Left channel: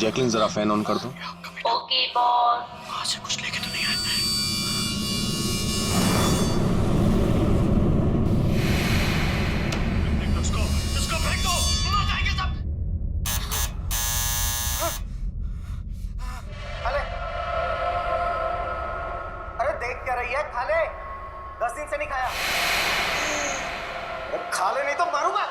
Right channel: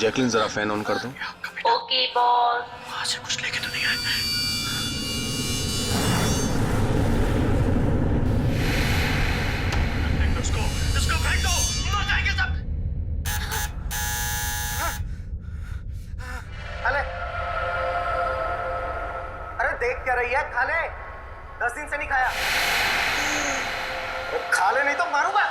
Jacqueline जरा fan on कर दो। Okay boss. वहां से कुछ लेके तो नहीं आए? इसको फेंक दो, मर जाएंगे सब। खाले, अरे देख क्या रही है? खाले, 10 दिन से नहीं खाया। अरे खा ले नहीं तो मारूंगा।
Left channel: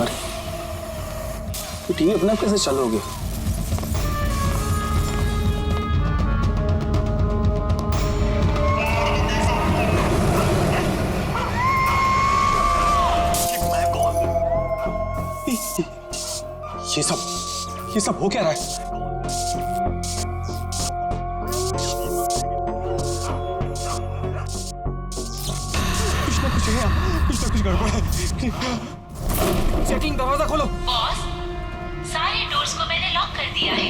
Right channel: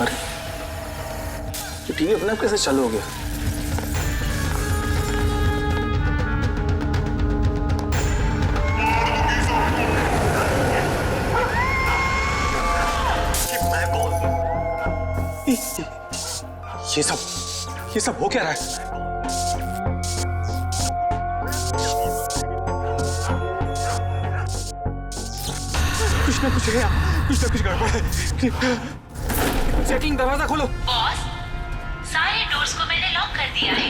अरे तो टीवी अपने आप कैसे चालू हो गया? ये सब हो क्या रहा है? कुछ ना कुछ गड़बड़ है। जैकलिन दरवाजा खोलो। बॉस, सारे डोर्स को मैंने लॉक कर दिया है।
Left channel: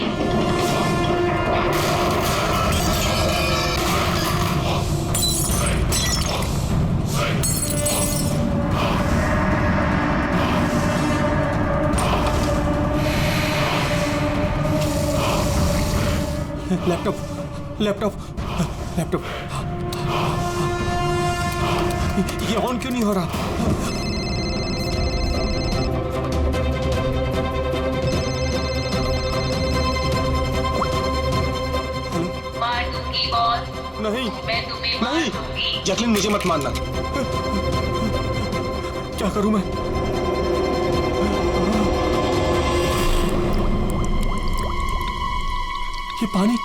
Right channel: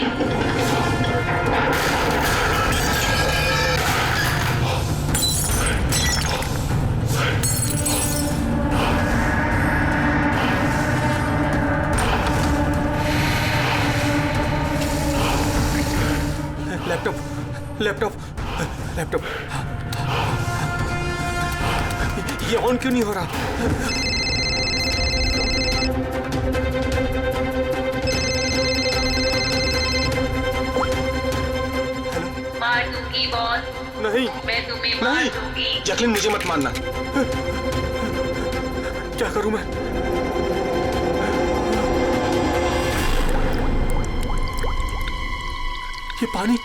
लैपटॉप ये ऑन क्यों नहीं हो रहा? मार दूंगी बॉस, नहीं मैं तुम्हें मार दूंगी। जैकलिन मुझे मत मारना। क्या करूं मैं? ये पानी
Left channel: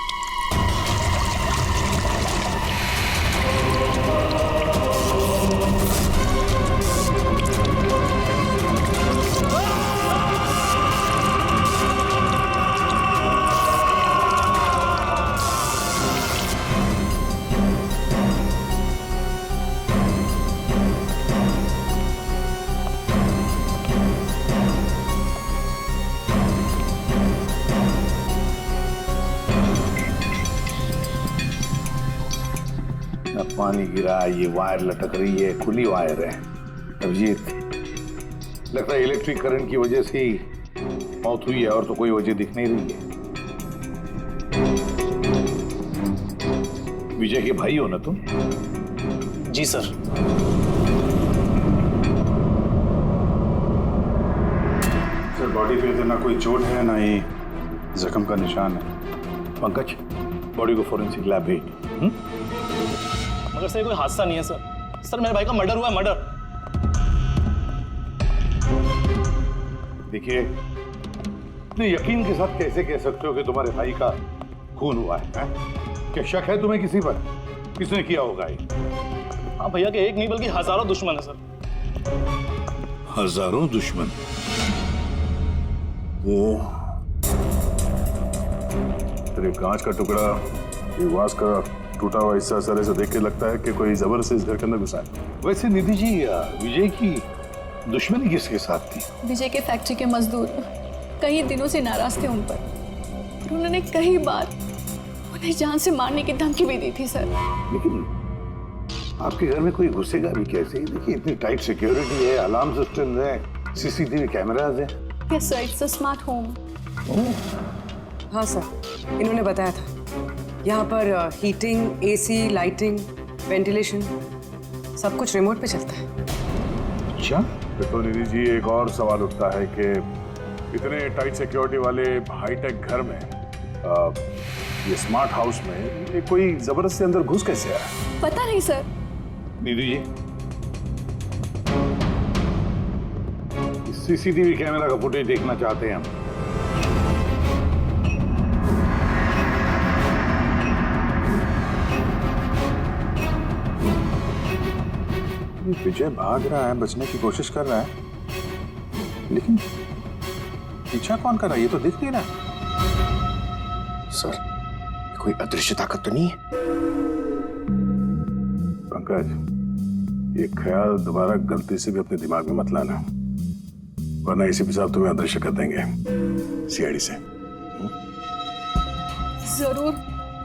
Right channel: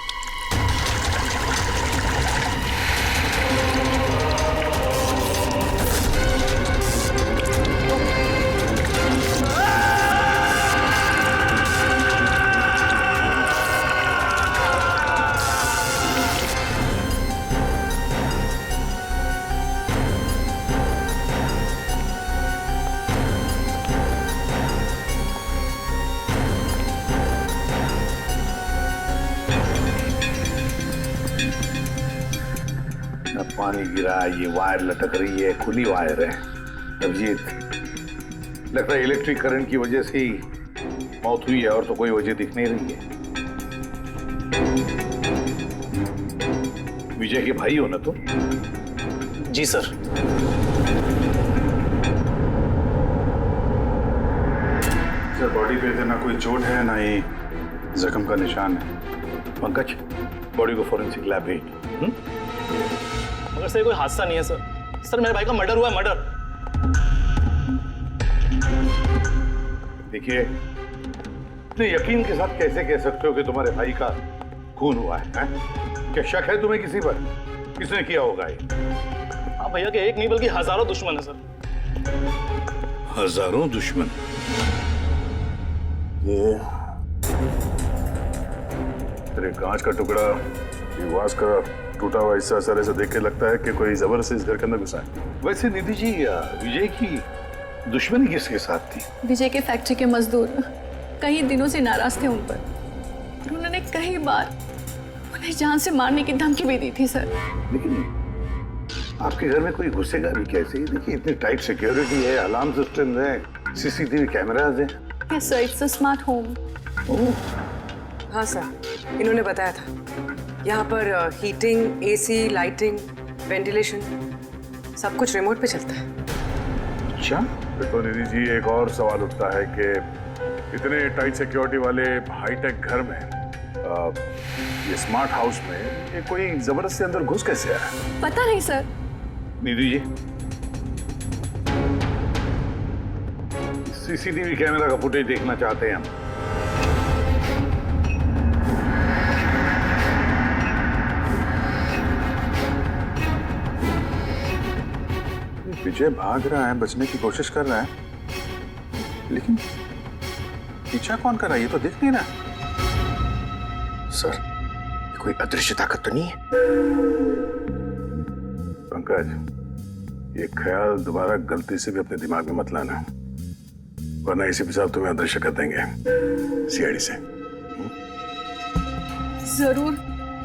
पानी गिरा, ये वायर लटक रही है, खुली वायर है। अभिजीत, लगता है इलेक्ट्रिक करंट की वजह से ही मौत हुई है, और तो कोई वजह दिख नहीं रही है। विजय के भाई हो ना तुम? जी सर। सर बॉडी पे तो ना कोई चोट है ना ही जख्म का निशान है। पंकज, बॉडी को फोरेंसिक लैब भेज। मगर सर कोई हादसा नहीं है सर। सर मेरे भाई का मर्डर हुआ है, मर्डर। देखिए, इतने यकीन के साथ कैसे कह सकते हो कि तुम्हारे भाई का खून हुआ है? क्या शक है तुम्हें किसी पर? किसने किया होगा ये? हाँ भैया के एक नहीं बल्कि हजारों दुश्मन है सर। हजारों दुश्मन? ये तेरे कांच का टुकड़ा, ये वास का टूटा हुआ हिस्सा सर ऐसे देख के लगता है कि कोई जबरदस्ती इस घर के अंदर घुसा है। वैसे निधि जी, विजय की दुश्मनी किसके साथ थी? विजय के फैक्ट्री के मजदूर कई दिनों से नाराज थे उन पर। उन्होंने कई बार उन्हें जान से मारने की धमकी भी दी थी सर। लेकिन आपके घर में कोई घुसेगा भी कैसे? देखिए, इतनी टाइट सिक्योरिटी है, अलार्म सिस्टम है, सीसीटीवी कैमराज हैं। Yes sir, it's a smart home. हाँ सर, इन्होंने बताया था। यहाँ पर हीटिंग, एसी, लाइटिंग, वेंटिलेशन सब कुछ रिमोट पे चलता है। अच्छा, फिर तो निधि जी एक और सवाल उठता है कि इतने टाइट सिक्योरिटी वाले हाईटेक घर में ये स्मार्ट हाउस में ये कोई जबरदस्ती अंदर घुस कैसे आया? पता नहीं sir. Nidhi ji, CCTV camera का फुटेज देखना चाहते हैं हम। विजय भाग रहा है, बचने की कोशिश कर रहा है, लेकिन पीछा कौन कर रहा है ये तो दिख नहीं रहा। सर, कोई अदृश्य ताकत तो नहीं है? पंकज, ये ख्याल दोबारा गलती से भी अपने दिमाग में मत लाना, वरना एसीपी साहब तुम्हें अदृश्य कर देंगे सीआईडी से। जरूर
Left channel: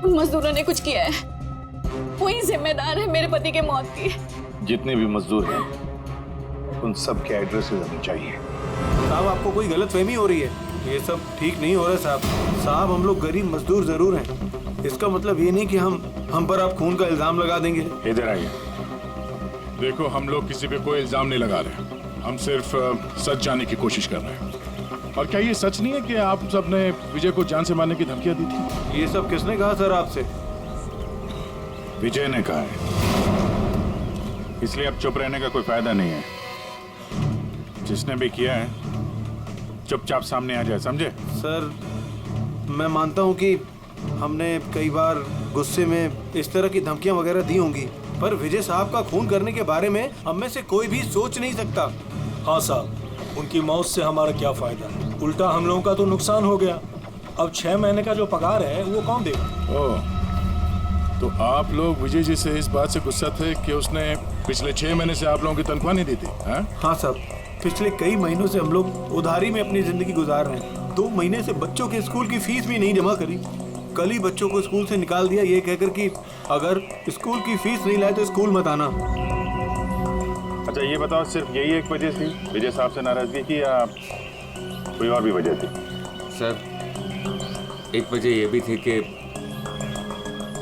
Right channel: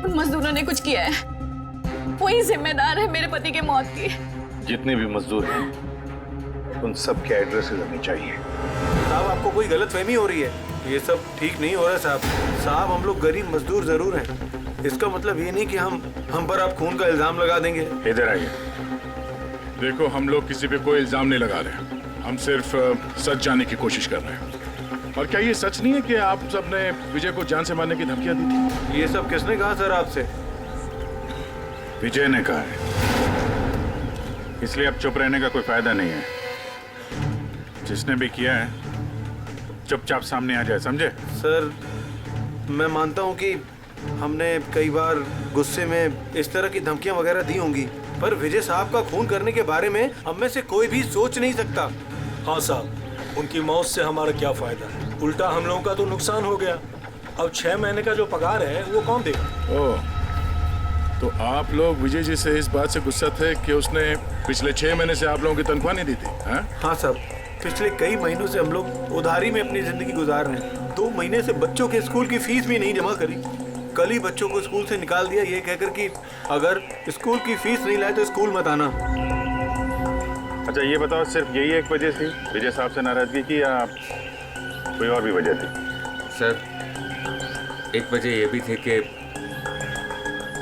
उन मजदूरों ने कुछ किया है। वही जिम्मेदार है मेरे पति के मौत की। जितने भी मजदूर हैं उन सब के एड्रेसेस हमें चाहिए। साहब आपको कोई गलतफहमी हो रही है, ये सब ठीक नहीं हो रहा साहब। साहब हम लोग गरीब मजदूर जरूर हैं, इसका मतलब ये नहीं कि हम पर आप खून का इल्जाम लगा देंगे। इधर आइए। देखो, हम लोग किसी पे कोई इल्जाम नहीं लगा रहे, हम सिर्फ सच जानने की कोशिश कर रहे हैं। और क्या ये सच नहीं है कि आप सबने विजय को जान से मारने की धमकियां दी थी? ये सब किसने कहा सर आपसे? विजय ने कहा है, इसलिए अब चुप रहने का कोई फायदा नहीं है। जिसने भी किया है चुपचाप सामने आ जाए, समझे? सर मैं मानता हूँ कि हमने कई बार गुस्से में इस तरह की धमकियां वगैरह दी होंगी, पर विजय साहब का खून करने के बारे में हम में से कोई भी सोच नहीं सकता। हाँ साहब, उनकी मौत से हमारा क्या फायदा, उल्टा हम लोगों का तो नुकसान हो गया। अब 6 महीने का जो पगार है वो कौन देगा? ओह, तो आप लोग विजय जी से इस बात से गुस्सा थे कि उसने पिछले 6 महीने से आप लोगों की तनख्वाह नहीं दी थी? हाँ साहब, पिछले कई महीनों से हम लोग उधारी में अपनी जिंदगी गुजार रहे हैं। 2 महीने से बच्चों के स्कूल की फीस भी नहीं जमा करी। कल ही बच्चों को स्कूल से निकाल दिया ये कहकर कि अगर स्कूल की फीस नहीं लाए तो स्कूल मत आना। अच्छा ये बताओ, सिर्फ यही एक वजह थी विजय साहब से नाराजगी की या कोई और भी वजह थी? सर एक वजह ये भी थी कि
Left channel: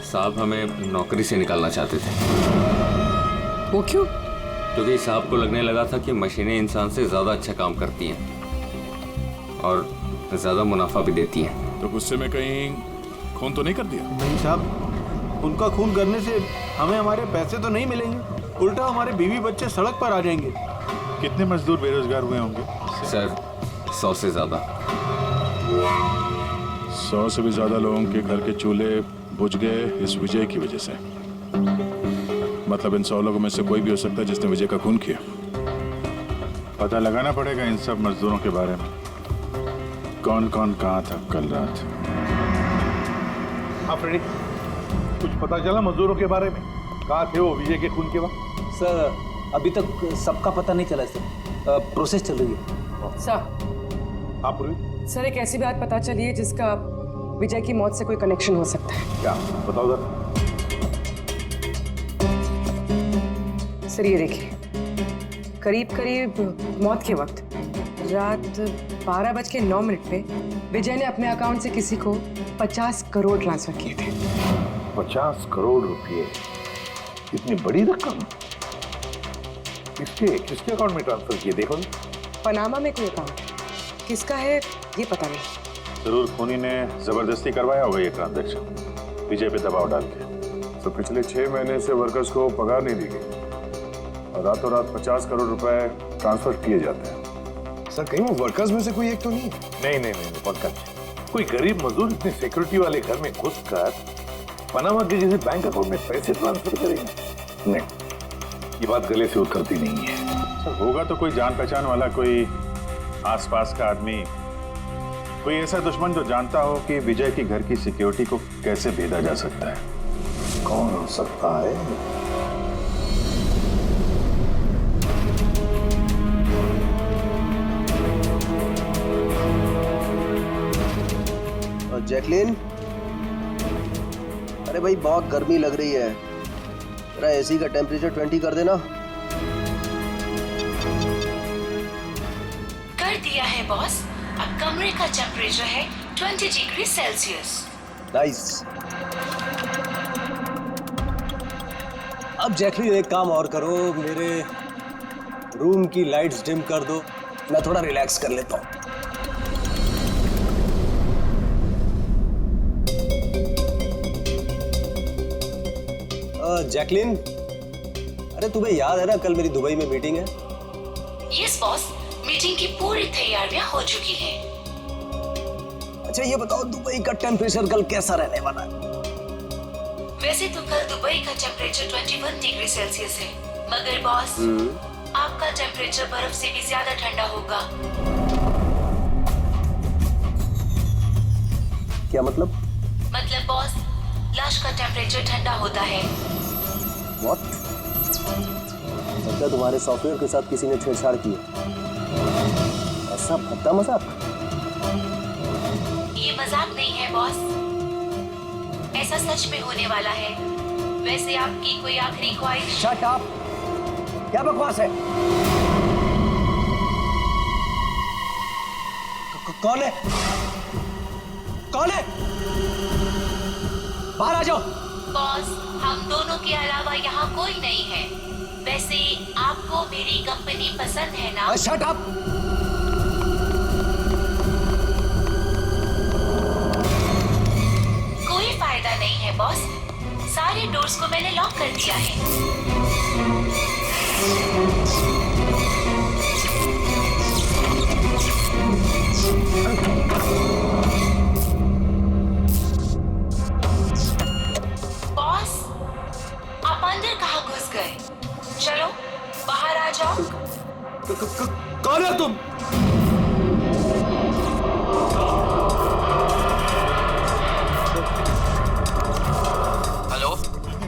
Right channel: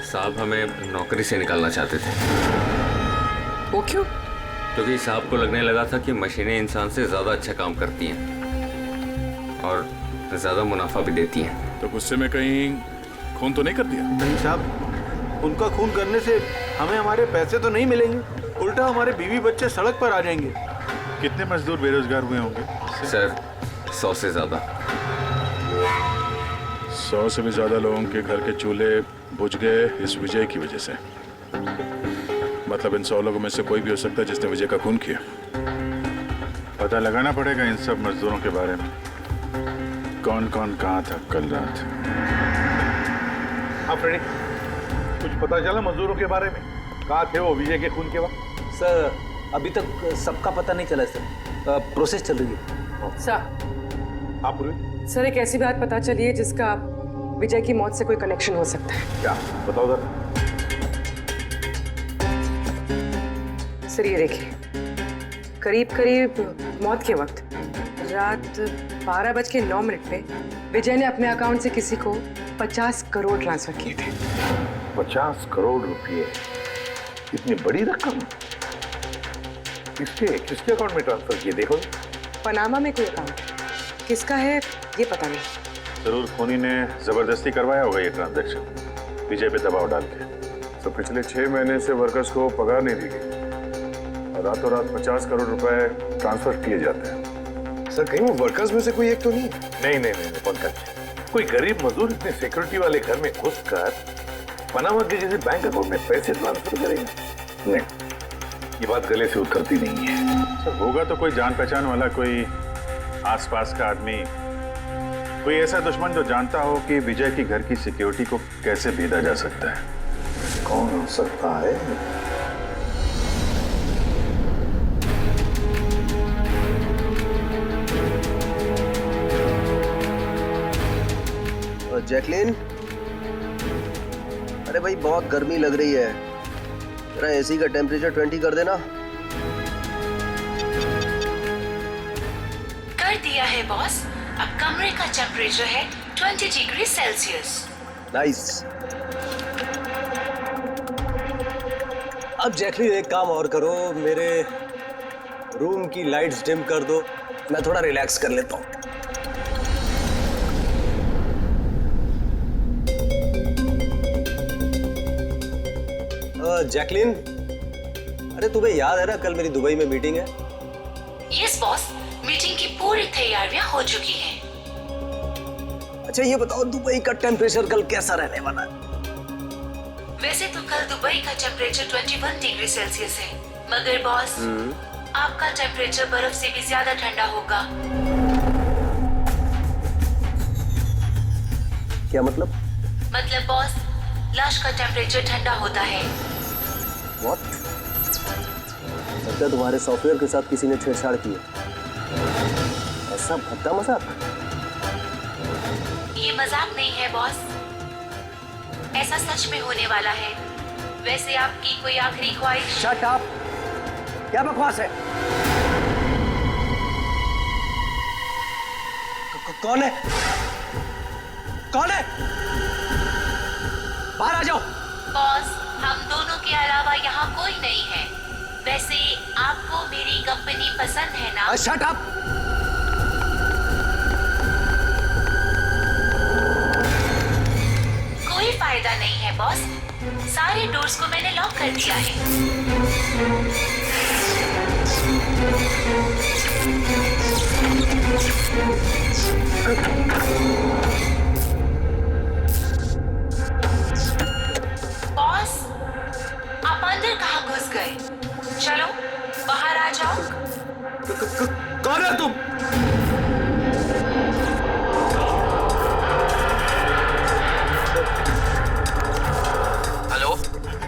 साहब हमें नौकरी से निकालना चाहते थे। वो क्यों? क्योंकि साहब को लगने लगा था कि मशीनें इंसान से ज़्यादा अच्छा काम करती हैं और ज़्यादा मुनाफा भी देती हैं। तो गुस्से में कहीं खून तो नहीं कर दिया? नहीं साहब, उनका खून करने से हमें हमारे पैसे तो नहीं मिलेंगे, उल्टा हमारे बीवी बच्चे सड़क पर आ जाएंगे। कितने मजदूर बेरोजगार हुए होंगे? सर 100 से ज़्यादा। 100 से भी ज़्यादा लोगों के घर के चूल्हे बुझ गए इस विजय की वजह से। मतलब इन 100 लोगों में से कोई भी हो सकता है जिसने विजय का खून किया। पता लगाना पड़ेगा इन सब मजदूरों के बारे में, कौन कौन कहाँ था कल रात। हाँ फ्रेडी, कुछ पता चला मजदूरों के बारे में? कहाँ थे वो विजय के खून के वक्त? सर अभी तक सबका पता नहीं चला सर, प्रोसेस चल रही है। सर। हाँ पूर्वी। सर एक ऐसी बात पता चली है जिसका विजय की मौत से कोई कनेक्शन हो सकता है। क्या बताओ जरा। सर ये देखिए, करीब करीब मौत के वक्त रात 12:09 पे विजय ने अपने अकाउंट से किसी को 50 करोड़ ट्रांसफर किए थे। 50 करोड़ रुपए, इतनी बड़ी रकम किसके अकाउंट में ट्रांसफर किए? देखो पनामा में कोई अकाउंट, किसका है ये पता नहीं। जरूर खूनी ने जबरदस्ती करवाया होगा ये ट्रांजैक्शन, विजय पे दबाव डाल के। तो पिछले 6 महीने से वर्कर्स को पगार नहीं दी गई और रातों रात 50 करोड़ रुपए ट्रांसफर किए जाते हैं। सर कहीं वो वर्कर्स में से कोई एक तो नहीं? नहीं पंकज, कोई गरीब मजदूर इतने सिक्योरिटी वाले घर में घुसकर पनामा के जैसे बैंक अकाउंट में पैसे ट्रांसफर करेगा? नहीं, ये बात गले से उतरती नहीं है। सर होगा तो कोई जान पहचान वाला, कोई आसपास का आदमी, कोई ऐसा दुश्मन जो जानता हो कि विजय की घर की सिक्योरिटी को कैसे भेदा जा सकता है। कौन हो सकता है? जैकलिन, अरे भाई बहुत गर्मी लग रही है, जरा एसी का टेम्परेचर 20 कर देना। कर दिया है बॉस, अब कमरे का टेम्परेचर है 20 डिग्री सेल्सियस। नाइस। अब जैकलिन एक काम और करो, मेरे रूम की लाइट्स डिम कर दो, मैं थोड़ा रिलैक्स कर लेता हूँ। जैकलिन, अरे तुम्हें याद है ना कल मेरी दुबई में मीटिंग है? यस बॉस, मीटिंग की पूरी तैयारियां हो चुकी हैं। अच्छा ये बताओ दुबई का टेम्परेचर कल कैसा रहने वाला है? वैसे तो कल दुबई का टेम्परेचर 21 डिग्री सेल्सियस है, मगर बॉस आपका टेम्परेचर बर्फ से भी ज्यादा ठंडा होगा। क्या मतलब? मतलब बॉस, लाश का टेम्परेचर ठंडा होता है। What? लगता है तुम्हारे सॉफ्टवेयर के साथ किसी ने छेड़छाड़ की है। ऐसा भद्दा मजाक? ये मजाक नहीं है बॉस, ऐसा सच में होने वाला है। वैसे आपकी कोई आखिरी ख्वाहिश? Shut up! क्या बकवास है? कौन है? कौन है? बाहर आ जाओ। बॉस, हम दोनों के अलावा यहाँ कोई नहीं है। वैसे आपको मेरी कंपनी पसंद है ना? Shut up! कोई फायदा नहीं है बॉस, सारे डोर्स को मैंने लॉक कर दिया है। बॉस, आप अंदर कहाँ घुस गए? चलो बाहर आ जाओ। कौन है तुम? हेलो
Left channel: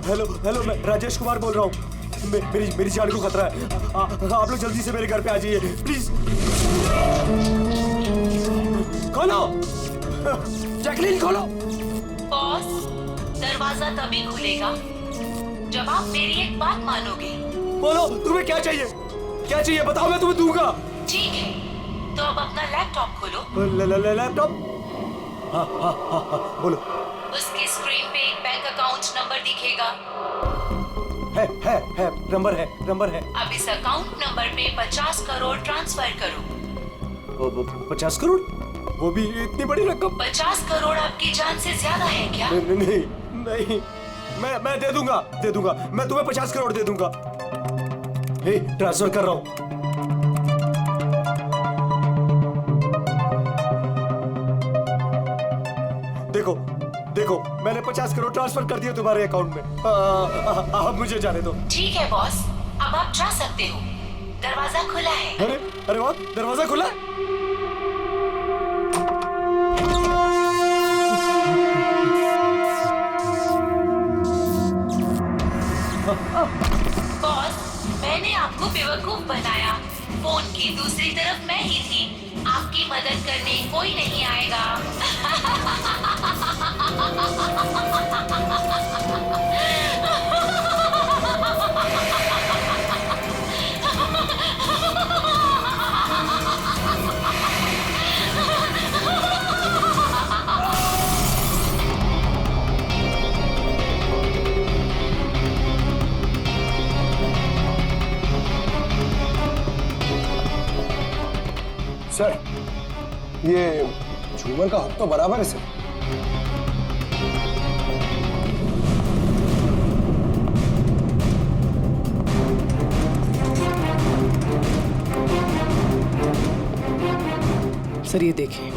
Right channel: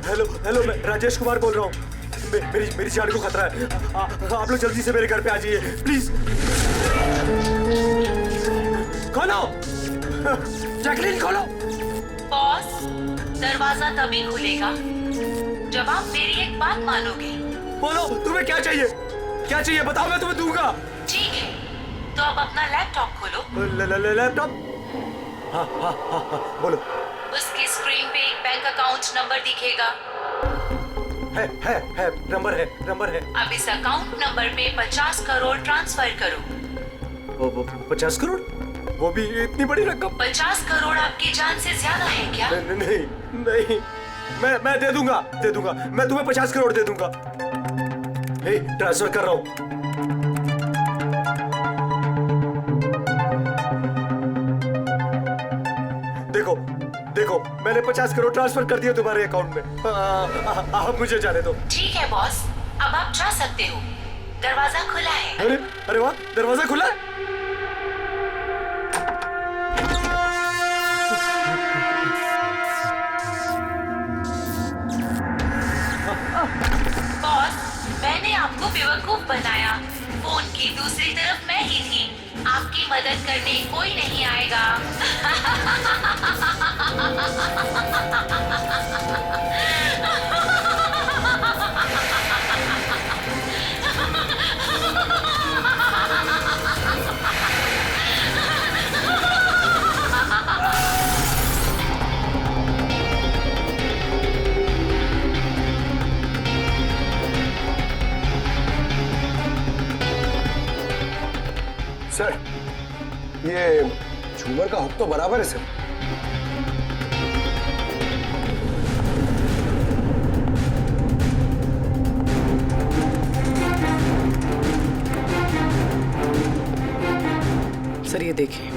हेलो हेलो, मैं राजेश कुमार बोल रहा हूँ। मेरी जान को खतरा है। आप लोग जल्दी से मेरे घर पे आ जाइए प्लीज। खोलो जैकलीन, खोलो। बॉस, दरवाजा तभी खुलेगा जब आप मेरी एक बात मानोगे। बोलो तुम्हें क्या चाहिए? क्या चाहिए बताओ, मैं तुम्हें दूंगा। ठीक है, तो अब अपना लैपटॉप खोलो। लैपटॉप? हाँ हाँ हाँ हाँ, बोलो। उसकी स्क्रीन पे एक बैंक अकाउंट नंबर दिखेगा। है, नंबर है। अब इस अकाउंट नंबर पे 50 करोड़ ट्रांसफर करो। 50 करोड़? वो भी इतनी बड़ी रकम? 50 करोड़ आपकी जान से ज्यादा है क्या? नहीं, मैं दे दूंगा। मैं तुम्हें 50 करोड़ दे दूंगा। ट्रांसफर कर रहा हूँ। देखो मैंने 50 करोड़ ट्रांसफर कर दिए तुम्हारे अकाउंट में। अब मुझे जाने दो। ठीक है बॉस, अब आप जा सकते हो। दरवाजा खुला है। अरे वाह, दरवाजा खुला है। बॉस, मैंने आपको बेवकूफ बनाया। फोन की दूसरी तरफ मैं ही थी। आपकी मदद करने कोई नहीं आएगा। सर, ये झूमर का हुक तो बराबर है सर। सर ये देखिए,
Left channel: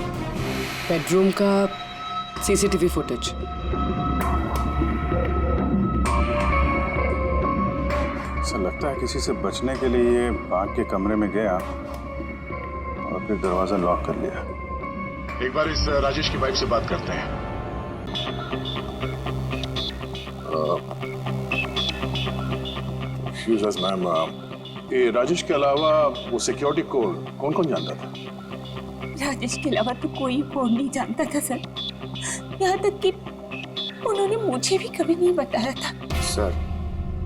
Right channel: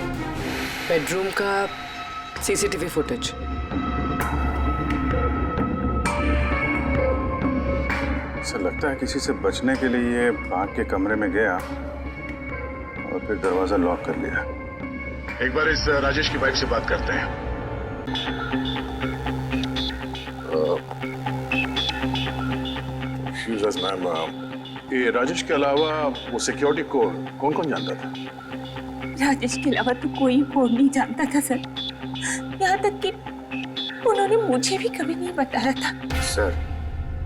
बेडरूम का सीसीटीवी फुटेज। ऐसा लगता है किसी से बचने के लिए ये भाग के कमरे में गया और फिर दरवाजा लॉक कर लिया। एक बार इस राजेश की वाइफ से बात करते हैं। मैम, ये राजेश के अलावा वो सिक्योरिटी कोड कौन कौन जानता था? राजेश के अलावा तो कोई कोड नहीं जानता था सर। यहाँ तक कि उन्होंने मुझे भी कभी नहीं बताया था। सर,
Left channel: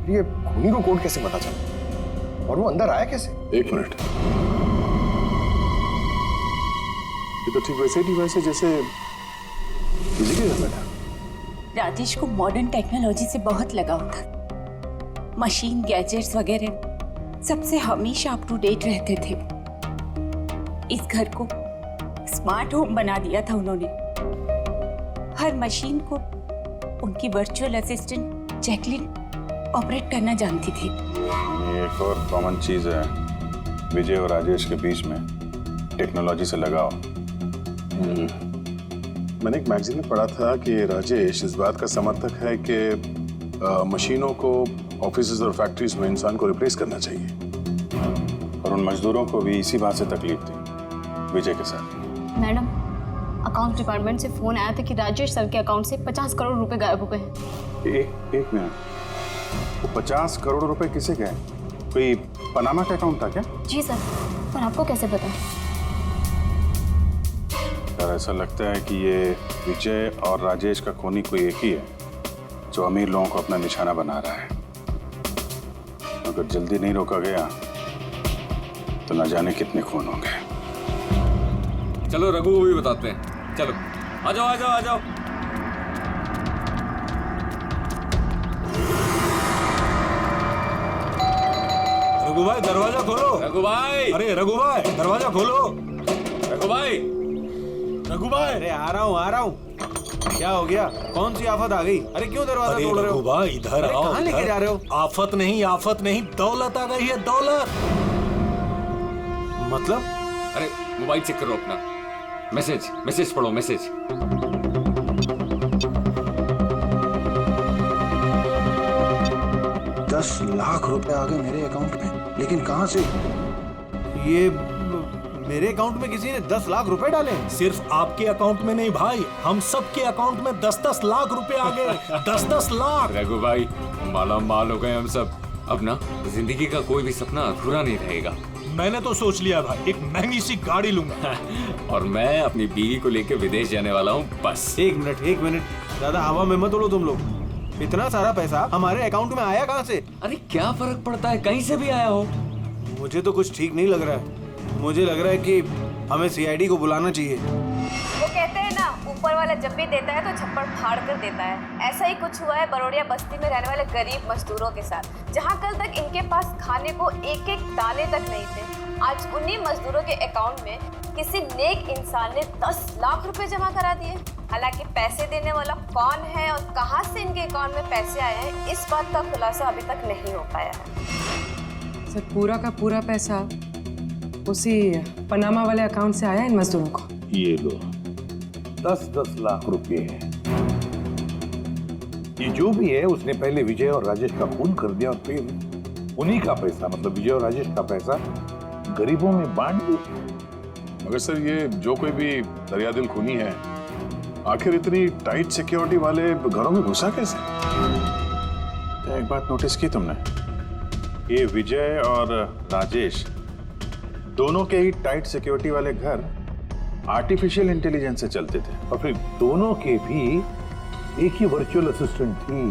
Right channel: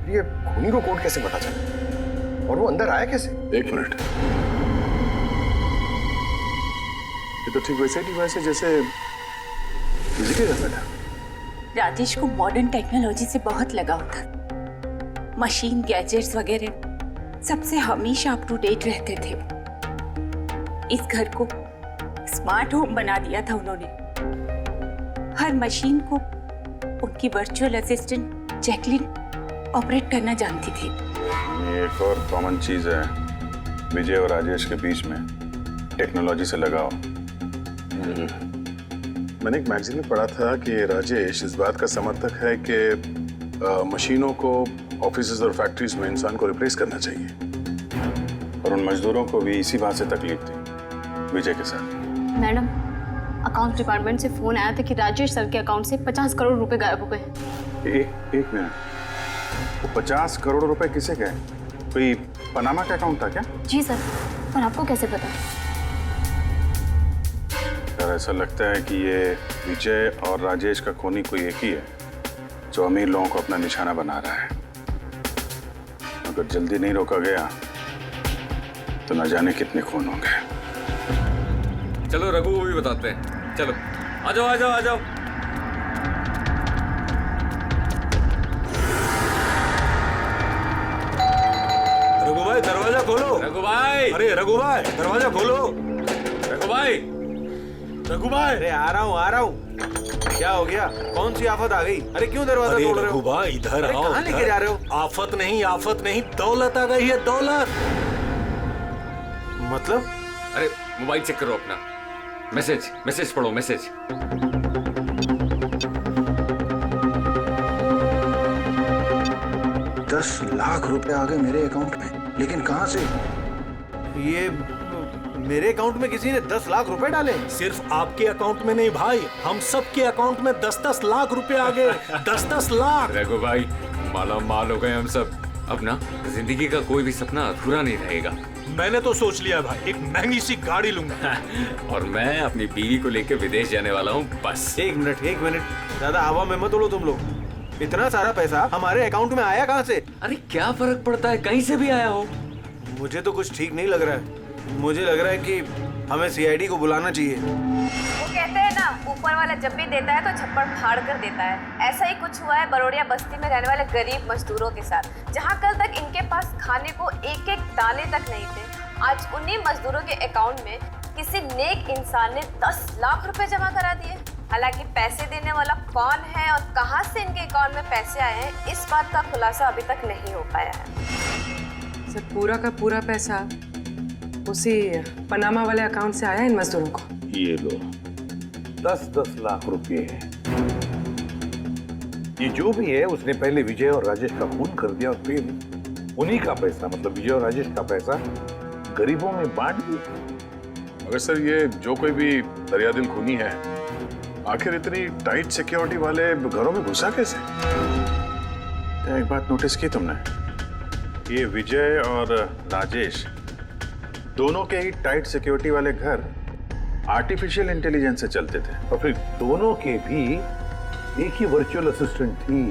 ये खूनी को कोड कैसे पता चला और वो अंदर आया कैसे? एक मिनट, ये तो ठीक वैसे डिवाइस है जैसे किसी के घर में था। राजेश को मॉडर्न टेक्नोलॉजी से बहुत लगाव था। मशीन, गैजेट्स वगैरह सबसे हमेशा अप टू डेट रहते थे। इस घर को स्मार्ट होम बना दिया था उन्होंने। हर मशीन को उनकी वर्चुअल असिस्टेंट जैकलिन ऑपरेट करना जानती थी। ये एक और कॉमन चीज है विजय और राजेश के बीच में, टेक्नोलॉजी से लगाव। मैंने एक मैगजीन में पढ़ा था कि राजेश इस बात का समर्थक है कि मशीनों को ऑफिसेज और फैक्ट्रीज में इंसान को रिप्लेस करना चाहिए, और उन मजदूरों को भी इसी बात से तकलीफ थी विजय के साथ। मैडम, अकाउंट डिपार्टमेंट से फोन आया था कि राजेश सर के अकाउंट से 50 करोड़ रुपए गायब हो गए हैं। एक मिनट, वो 50 करोड़ रुपए किसे गए? कोई पनामा का अकाउंट था क्या? जी सर, पर आपको कैसे पता? यार ऐसा लगता है कि ये विजय और राजेश का खूनी कोई एक ही है, तो अमीर लोगों को अपना निशाना बना रहा है। अगर जल्दी नहीं रोका गया तो न जाने कितने खून होंगे। चलो रघु को भी बताते हैं। चलो आ जाओ आ जाओ आ जाओ। रघु भाई दरवाजा खोलो। रघु भाई, अरे रघु भाई दरवाजा खोलो। रघु भाई, रघु भाई, अरे आ रहा हूँ। क्या हो गया? कौन सी आफत आ गई? अरे क्यों दरवाजा अरे तोड़ रहे रघु हो? भाई इधर अरे आओ। कहाँ लेके इधर। जा रहे हो? आफत नहीं, दौलत आ गई है, दौलत। मतलब? अरे मोबाइल चेक करो अपना। मैसेज पढ़ो, मैसेज। 10 लाख रुपए आ गए मेरे अकाउंट में, लेकिन कहां से? ये मेरे अकाउंट में किसी ने 10 लाख रुपए डाले? सिर्फ आपके अकाउंट में नहीं भाई, हम सब के अकाउंट में 10-10 लाख रुपए आ गए। 10-10 लाख। रघु भाई माला माल हो गए हम सब। अब ना जिंदगी का कोई भी सपना अधूरा नहीं रहेगा। मैंने तो सोच लिया भाई, एक महंगी सी गाड़ी लूंगा। और मैं अपनी बीवी को लेकर विदेश जाने वाला हूँ बस। एक मिनट, ज्यादा हवा में मत उड़ो तुम लोग। इतना सारा पैसा हमारे अकाउंट में आया कहाँ से? अरे क्या फर्क पड़ता है, कहीं से भी आया हो। मुझे तो कुछ ठीक नहीं लग रहा है। मुझे लग रहा है कि हमें सीआईडी को बुलाना चाहिए। वो कहते हैं ना, ऊपर वाला जब भी देता है तो छप्पड़ फाड़ कर देता है। ऐसा ही कुछ हुआ है बरोड़िया बस्ती में रहने वाले गरीब मजदूरों के साथ, जहां कल तक इनके पास खाने को एक एक दाने तक नहीं थे। आज उन्हीं मजदूरों के अकाउंट में किसी नेक इंसान ने 10 लाख रुपए जमा करा दिए। हालांकि पैसे देने वाला कौन है और कहां से इनके अकाउंट में पैसे आए हैं, इस बात का खुलासा अभी तक नहीं हो पाया है। सर पूरा का पूरा पैसा उसी पनामा वाले अकाउंट से आया इन मजदूरों को। ये लो 10-10 लाख रुपए है। ये जो भी है उसने पहले विजय और राजेश का खून कर दिया और फिर उन्हीं का पैसा, मतलब विजय और राजेश का पैसा गरीबों में बांट दिया। मगर सर ये जो कोई भी दरियादिल खूनी है, आखिर इतनी टाइट सिक्योरिटी वाले घरों में घुसा कैसे? क्या एक बात नोटिस की तुमने? ये विजय और राजेश दोनों के ही टाइट सिक्योरिटी वाले घर आर्टिफिशियल इंटेलिजेंस से चलते थे। और फिर दोनों के भी एक ही वर्चुअल असिस्टेंट थी,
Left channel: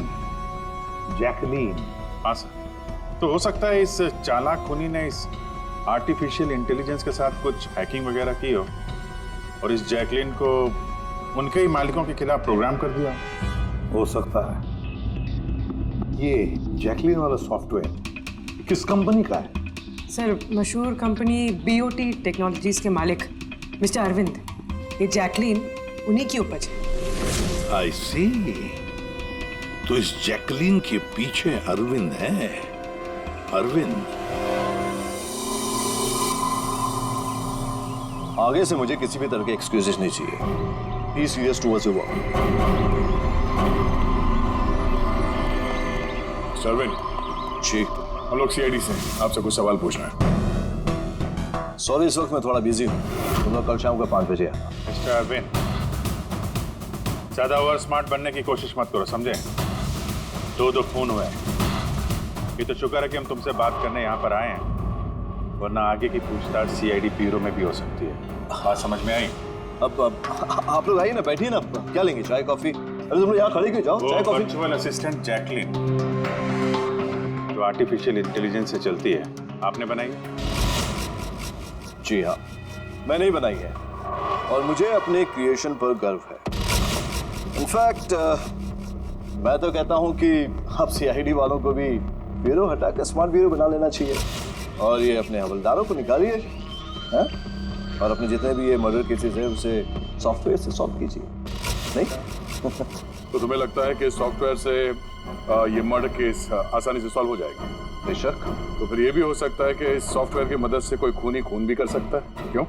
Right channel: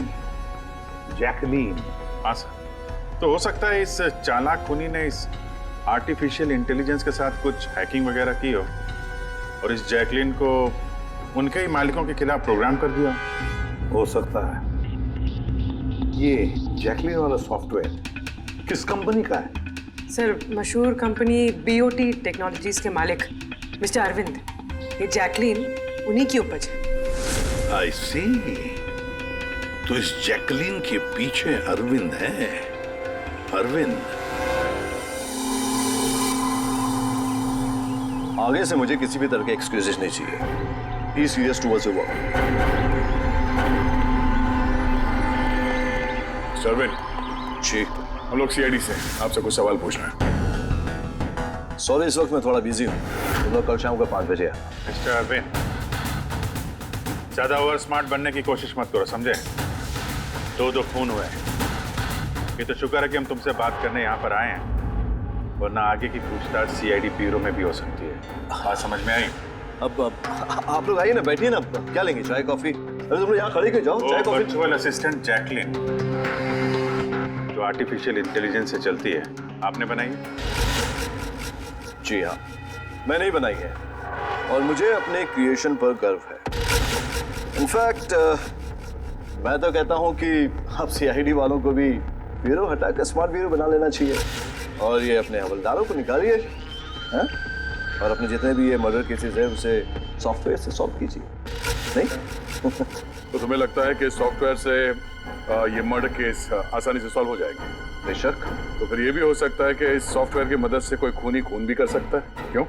जैकलीन। हाँ सर, तो हो सकता है इस चालाक खूनी ने इस आर्टिफिशियल इंटेलिजेंस के साथ कुछ हैकिंग वगैरह की हो और इस जैकलीन को उनके ही मालिकों के खिलाफ प्रोग्राम कर दिया। हो सकता है। ये जैकलीन वाला सॉफ्टवेयर किस कंपनी का है? सर मशहूर कंपनी बीओटी टेक्नोलॉजीज के मालिक मिस्टर अरविंद। ये जैकलीन उन्हीं की उपज है। आई सी। तो इस जैकलीन के पीछे अरविंद है। अरविंद। आगे से मुझे किसी भी तरह के एक्सक्यूजेस नहीं चाहिए। Be serious towards your work. सरविन जी, हम लोग सीआईडी से आपसे कुछ सवाल पूछना है। सॉरी इस वक्त मैं थोड़ा बिजी हूँ। तुम लोग कल शाम को 5 बजे आना। मिस्टर अरविंद, ज्यादा ओवर स्मार्ट बनने की कोशिश मत करो, समझे? 2 खून हुए। ये तो शुक्र है कि हम तुमसे बात करने यहाँ पर आए हैं, वरना आगे की पूछताछ सीआईडी ब्यूरो में भी हो सकती है। बात समझ में आई? अब आप लोग आइए ना, बैठिए ना। क्या लेंगे, चाय कॉफी? अरे तुम लोग यहाँ खड़े क्यों, जाओ चाय कॉफी। वर्चुअल असिस्टेंट जैकलिन जो आर्टिफिशियल इंटेलिजेंस से चलती है, आपने बनाई है? जी हाँ, मैंने ही बनाई है और मुझे अपने क्रिएशन पर गर्व है। इनफैक्ट मैं तो कहता हूँ कि आप सीआईडी वालों को भी ब्यूरो हटाकर स्मार्ट ब्यूरो बना लेना चाहिए और ये अपने हवलदारों को निकालिए, हैं? और अपने जितने भी ये मर्डर केसेस है उसे सॉफ्टवेयर से सॉल्व कीजिए। नहीं? तो तुम्हें लगता है कि सॉफ्टवेयर से ये मर्डर केस आसानी से सॉल्व हो जाएगा? बेशक। तो फिर ये भी हो सकता है कि इस सॉफ्टवेयर की मदद से कोई खूनी खून भी कर सकता है। क्यों?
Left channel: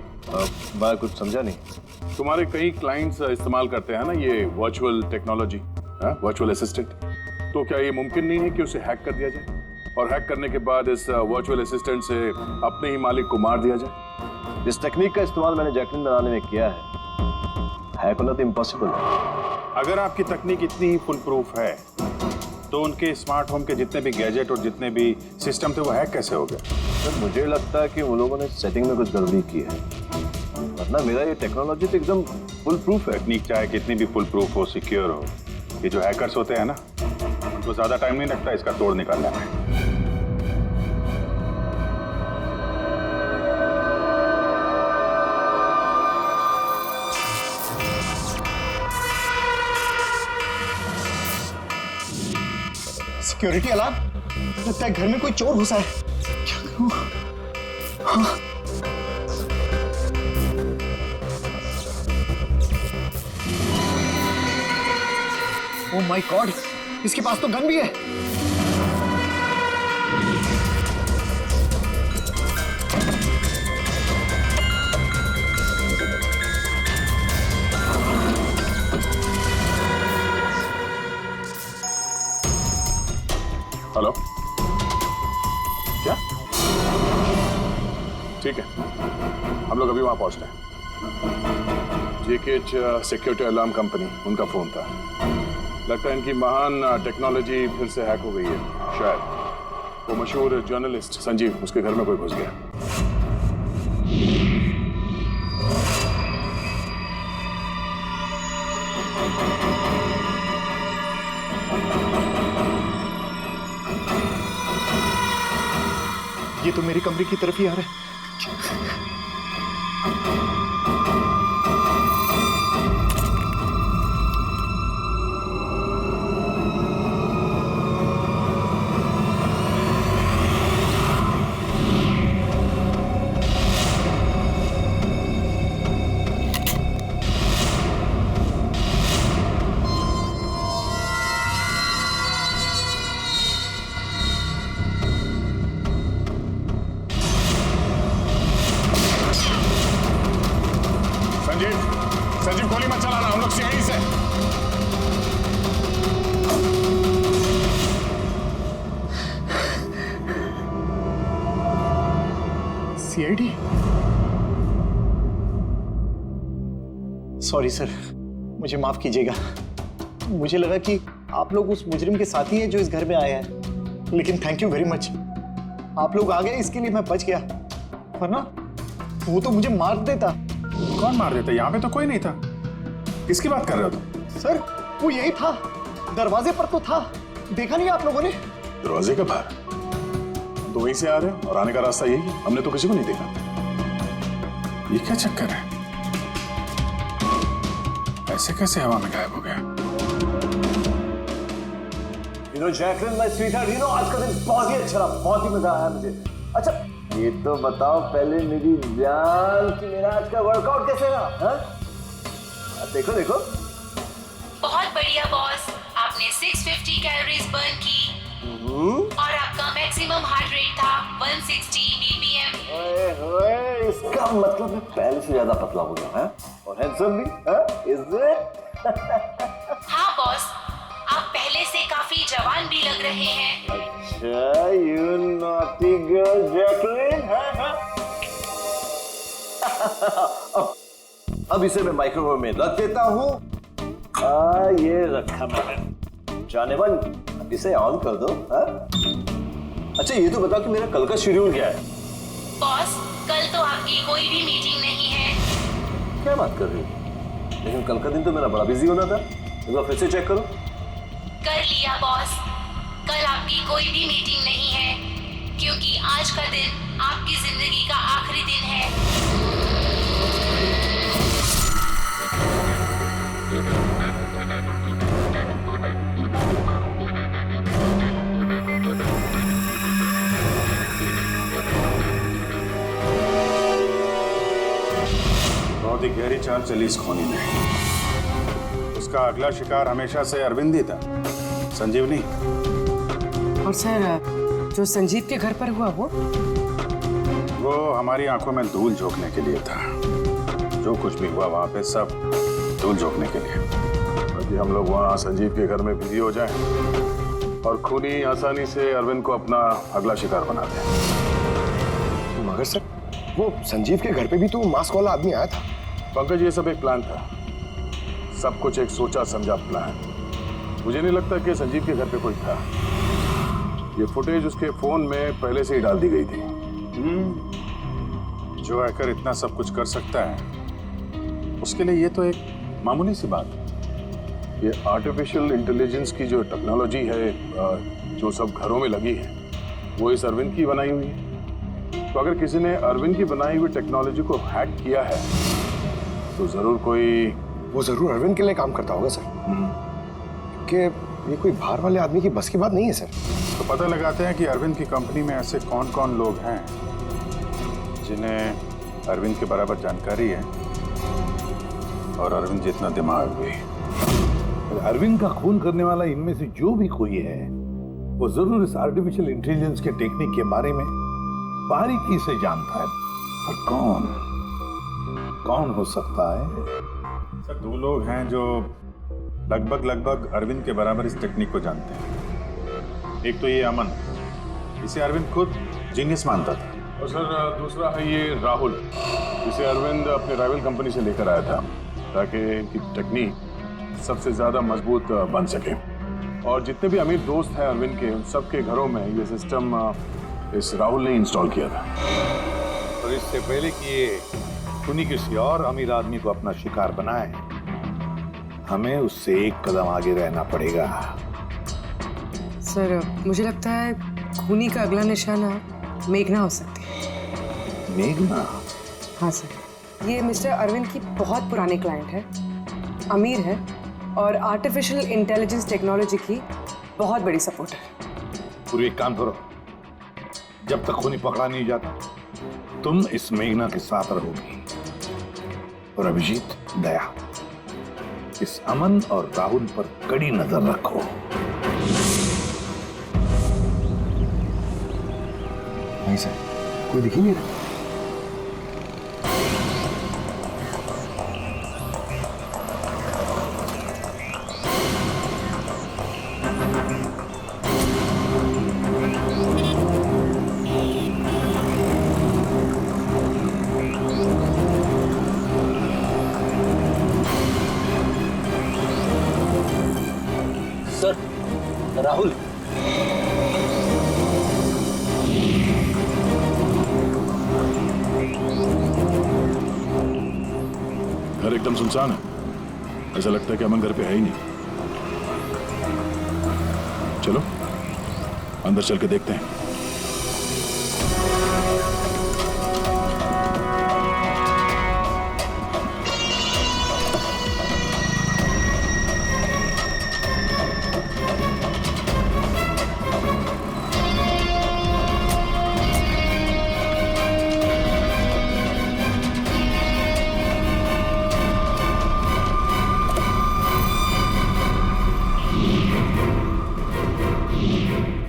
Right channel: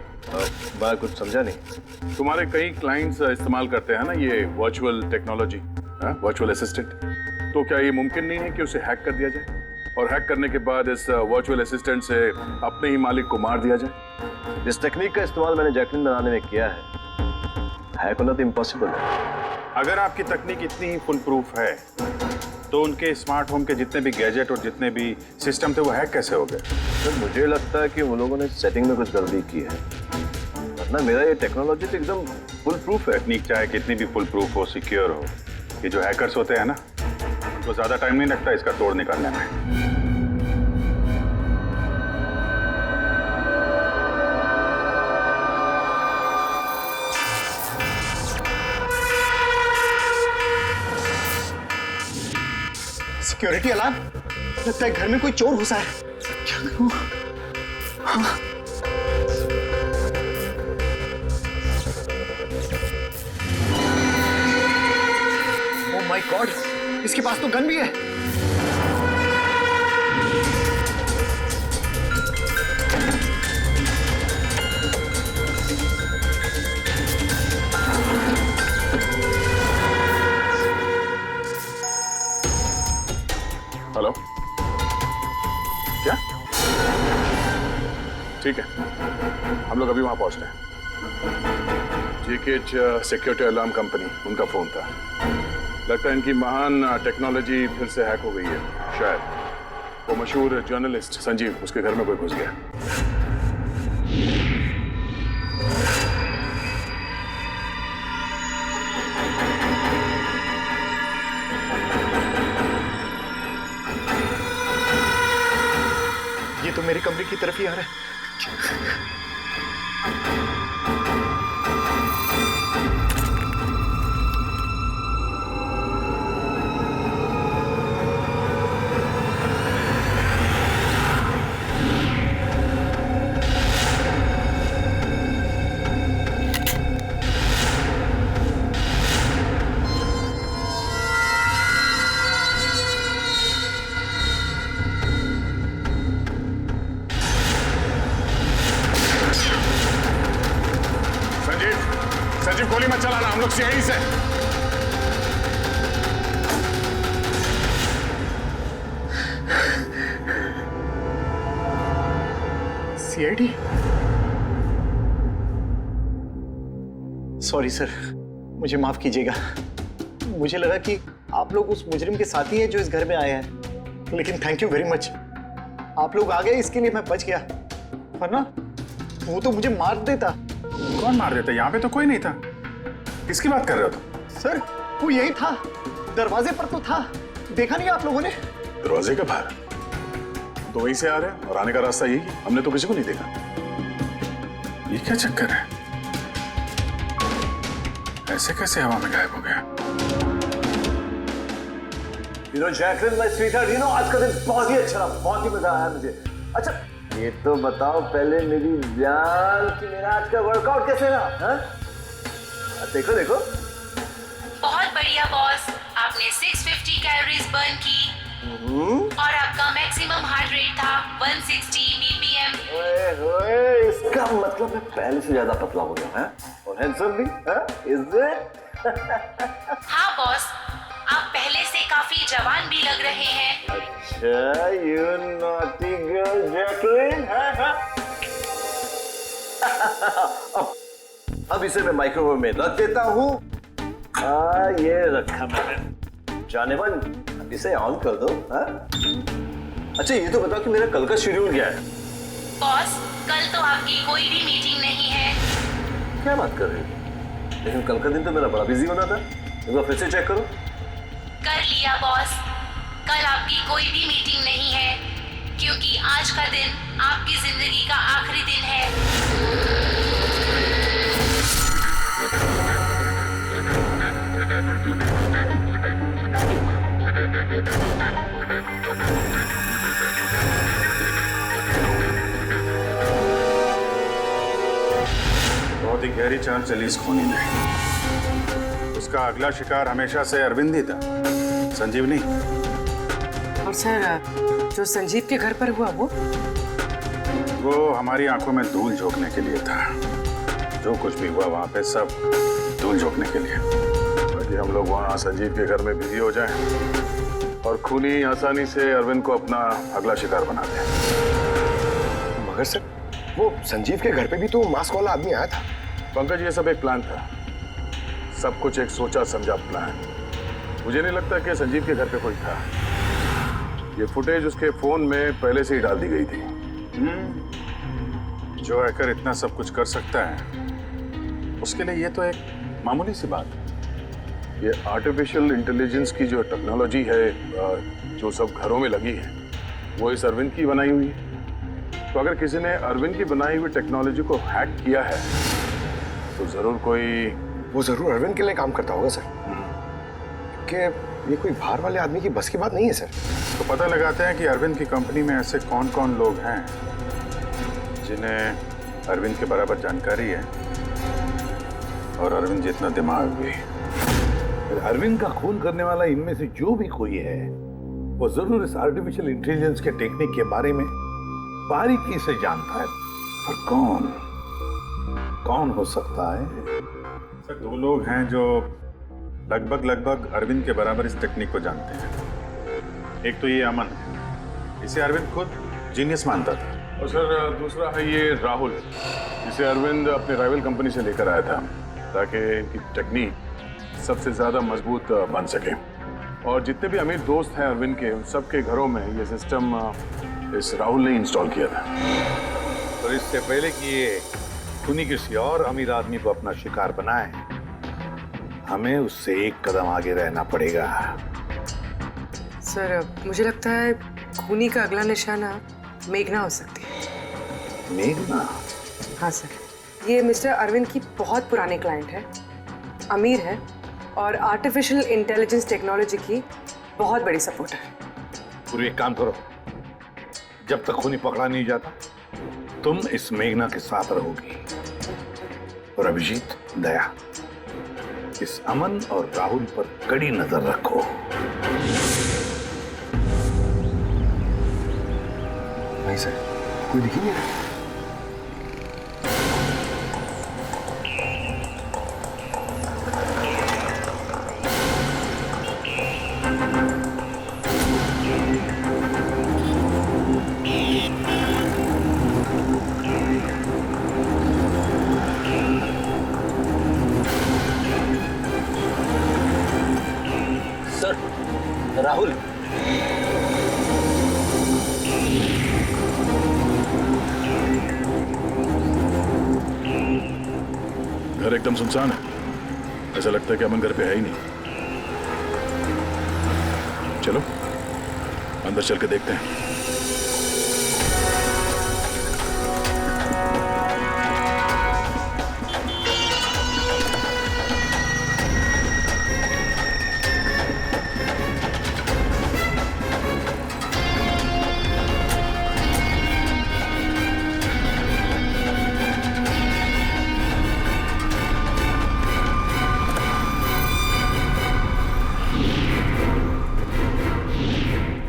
मैं कुछ समझा नहीं। तुम्हारे कई क्लाइंट्स इस्तेमाल करते हैं ना ये वर्चुअल टेक्नोलॉजी, वर्चुअल असिस्टेंट। तो क्या ये मुमकिन नहीं है कि उसे हैक कर दिया जाए और हैक करने के बाद इस वर्चुअल असिस्टेंट से अपने ही मालिक को मार दिया जाए? इस टेक्निक का इस्तेमाल मैंने जैकलिन बनाने में किया है। हैक होना तो इम्पॉसिबल है। अगर आपकी तकनीक इतनी ही फुल प्रूफ है तो उनके स्मार्ट होम के जितने भी गैजेट और जितने भी सिस्टम थे वो हैक कैसे हो गए? सर मुझे लगता है कि वो लोगों ने सेटिंग में कुछ गड़बड़ी की है, वरना मेरा ये टेक्नोलॉजी तो एकदम फुल प्रूफ है। तकनीक चाहे कितनी भी फुल प्रूफ हो, सिक्योर हो, ये जो हैकर्स होते हैं ना, उनको ज्यादा टाइम नहीं लगता इसका तोड़ निकालने में। सिक्योरिटी अलार्म, लगता है घर में कोई चोर घुसा है। क्या करूं? हाँ। ओह माय गॉड, इसके पास तो गन भी है। हेलो, क्या? ठीक है, हम लोग अभी वहां पहुंचते हैं। जेकेएच सिक्योरिटी अलार्म कंपनी, उनका फोन था। लगता है इनकी महान टेक्नोलॉजी फिर से हैक हो गई है। शायद वो मशहूर जर्नलिस्ट संजीव, उसके घर में कोई घुस गया। ये तो मेरे कमरे की तरफ ही आ रहा है। संजीव गोली मत चलाना, हम लोग सीआईडी से। सीआईडी? सॉरी सर, मुझे माफ कीजिएगा। मुझे लगा कि आप लोग उस मुजरिम के साथी हैं जो इस घर में आए हैं, लेकिन थैंक यू वेरी मच, आप लोग आ गए, इसके लिए मैं बच गया, वरना वो तो मुझे मार देता। कौन मार देता? यहाँ पे तो कोई नहीं था। किसकी बात कर रहे हो तुम? सर वो यही था, दरवाजे पर तो था, देखा नहीं आप लोगों ने? दरवाजे के बाहर? हम तो वहीं से आ रहे हैं और आने का रास्ता यही है, हमने तो किसी को नहीं देखा। ये क्या चक्कर है? ऐसे कैसे हवा में गायब हो गया? जैकलिन माय स्वीटहार्ट, आज का दिन बहुत ही अच्छा रहा, बहुत ही मजा आया मुझे। अच्छा ये तो बताओ पहले मेरी जान कि मेरा आज का वर्कआउट कैसे रहा? देखो देखो। बहुत बढ़िया बॉस, आपने 650 कैलोरीज बर्न की और आपका मैक्सिमम हार्ट रेट था 160 बीपीएम। ओए होए, इसका मतलब मैं पहले से ज्यादा पतला हो गया है और हैंडसम भी, इज इट? हाँ बॉस, आप पहले से काफी जवान भी लग रहे हैं। अच्छा, यू नॉटी गर्ल जैकलिन। अब इसे मैं माइक्रोवेव में रख देता हूँ। ये रखा मैंने। जाने मन, अब इसे ऑन कर दो। अच्छा ये तो बताओ कि मेरा कल का शेड्यूल क्या है? बॉस, कल तो आपकी कोई भी मीटिंग नहीं है। क्या बात कर रही हो? लेकिन कल का दिन तो मेरा बड़ा बिजी होना था। एक बार फिर से चेक करो। कर लिया बॉस, कल आपकी कोई भी मीटिंग नहीं है, क्योंकि आज का दिन आपकी जिंदगी का आखिरी दिन है। बहुत ही गहरी चाल चली इस खूनी ने। उसका अगला शिकार हमेशा से अरविंद ही था, संजीव नहीं। और सर, जो संजीव के घर पर हुआ वो हमारी आंखों में धूल झोंकने के लिए था। जो कुछ भी हुआ वहां पे सब धूल झोंकने के लिए, ताकि हम लोग वहां संजीव के घर में बिजी हो जाएं और खूनी आसानी से अरविंद को अपना अगला शिकार बना दे। मगर सर, वो संजीव के घर पे भी तो मास्क वाला आदमी आया था। पंकज, ये सब एक प्लान था, सब कुछ एक सोचा समझा प्लान। मुझे नहीं लगता कि संजीव के घर पे कोई था। ये फुटेज उसके फोन में पहले से ही डाल दी गई थी। जो हैकर इतना सब कुछ कर सकता है, उसके लिए ये तो एक मामूली सी बात है। ये आर्टिफिशियल इंटेलिजेंस की जो टेक्नोलॉजी है जो सब घरों में लगी है वो इस अरविंद की बनाई हुई है। तो अगर किसी ने अरविंद की बनाई हुई टेक्नोलॉजी को हैक किया है तो जरूर कोई, वो जरूर अरविंद के लिए काम करता होगा सर, कि ये कोई बाहर वाले आदमी की बस की बात नहीं है सर। तो पता लगाते हैं कि अरविंद की कंपनी में ऐसे कौन कौन लोग हैं जिन्हें अरविंद के बराबर जानकारी है और अरविंद जितना दिमाग भी। अरविंद का खून करने वाला इनमें से जो भी कोई है वो जरूर इस आर्टिफिशियल इंटेलिजेंस के टेक्निक के बारे में बारीकी से जानता है, पर कौन हो सकता है? सर 2 लोग हैं जो लगभग अरविंद के बराबर इस टेक्निक को जानते हैं। एक तो ये अमन है, इसे अरविंद खुद जीनियस मानता था, और सर दूसरा है ये राहुल, जिसे अरविंद अपने राइवल कंपनी से लेकर आया था ताकि इनकी टेक्निक सबसे ज्यादा मजबूत बन सके। और जितने भी अमीर दोस्त हैं अरविंद के, उन सबके घरों में ये सिस्टम इस राहुल ने इंस्टॉल किया था। और इससे पहले कि ये खूनी किसी और अमीर आदमी को अपना शिकार बनाए, हमें उससे एक कदम आगे रहना पड़ेगा। सर मुझे लगता है खूनी का अगला निशाना मेघना हो सकती है। मेघना? हाँ सर, ये मिस्टर अरविंद की बहुत पुरानी क्लाइंट है, अमीर है और आर्टिफिशियल इंटेलिजेंस टेक्नोलॉजी की बहुत बड़ी सपोर्टर है। पूरी एक काम करो, जब तक खूनी पकड़ा नहीं जाता तुम इस मेघना के साथ रहोगी, और अभिजीत, दया, इस अमन और राहुल पर कड़ी नजर रखो। नहीं सर, कोई दिख ही नहीं रहा। सर, राहुल। घर एकदम सुनसान है, ऐसा लगता है कि अमन घर पे है ही नहीं। चलो अंदर चल के देखते हैं।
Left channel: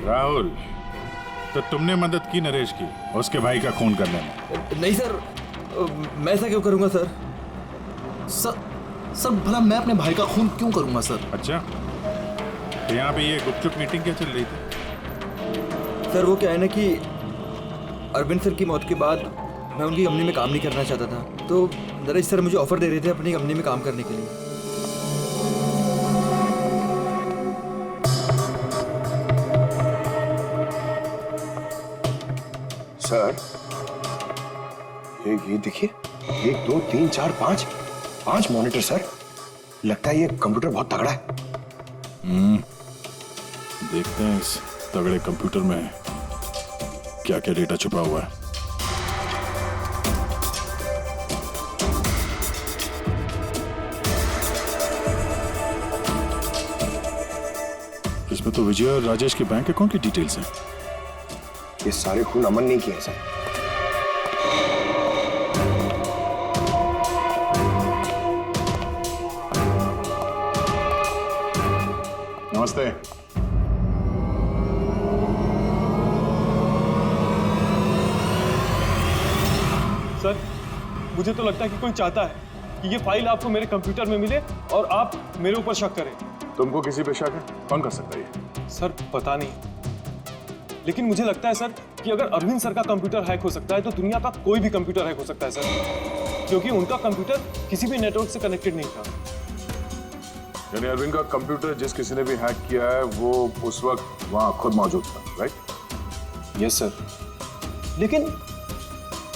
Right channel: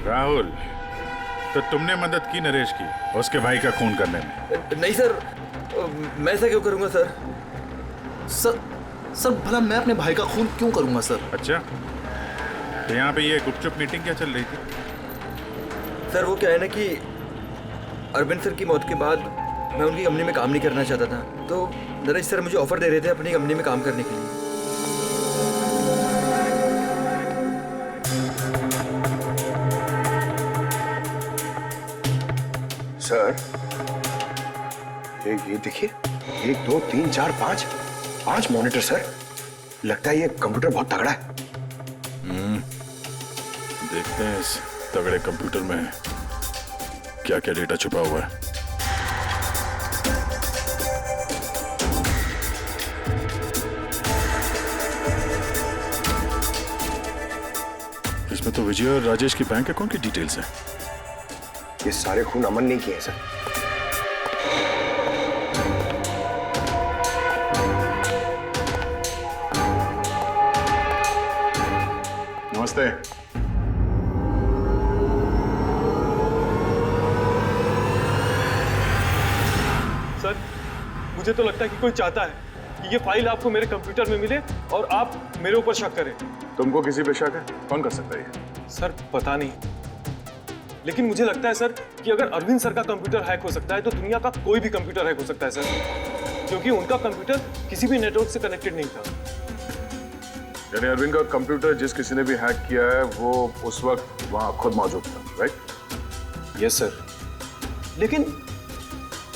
राहुल, तो तुमने मदद की नरेश की उसके भाई का खून करने में? नहीं सर, मैं ऐसा क्यों करूंगा सर? सर भला मैं अपने भाई का खून क्यों करूंगा सर? अच्छा, तो यहाँ पे ये गुपचुप मीटिंग क्या चल रही थी? सर वो क्या है ना कि अरविंद सर की मौत के बाद मैं उनकी कंपनी में काम नहीं करना चाहता था, तो नरेश सर मुझे ऑफर दे रहे थे अपनी कंपनी में काम करने के लिए। सर ये देखिए, 1 2 3 4 5 मॉनिटर सर। लगता है ये कंप्यूटर बहुत तगड़ा है। देखते हैं इस तगड़े कंप्यूटर में क्या क्या डेटा छुपा हुआ है। इसमें तो विजय और राजेश की बैंक अकाउंट की डिटेल्स हैं। ये सारे खून अमन ने किए हैं सर। नमस्ते। सर मुझे तो लगता है कि कोई चाहता है कि ये फाइल आपको मेरे कंप्यूटर में मिले और आप मेरे ऊपर शक करें। तुमको किसी पे शक है? कौन कर सकता है ये? सर पता नहीं, लेकिन मुझे लगता है सर कि अगर अरविंद सर का कंप्यूटर हैक हो सकता है तो दुनिया का कोई भी कंप्यूटर हैक हो सकता है सर, क्योंकि उनका कंप्यूटर किसी भी नेटवर्क से कनेक्टेड नहीं था। यानी अरविंद का कंप्यूटर जिस किसी ने भी हैक किया है वो उस वक्त वहां खुद मौजूद था, राइट? यस सर, लेकिन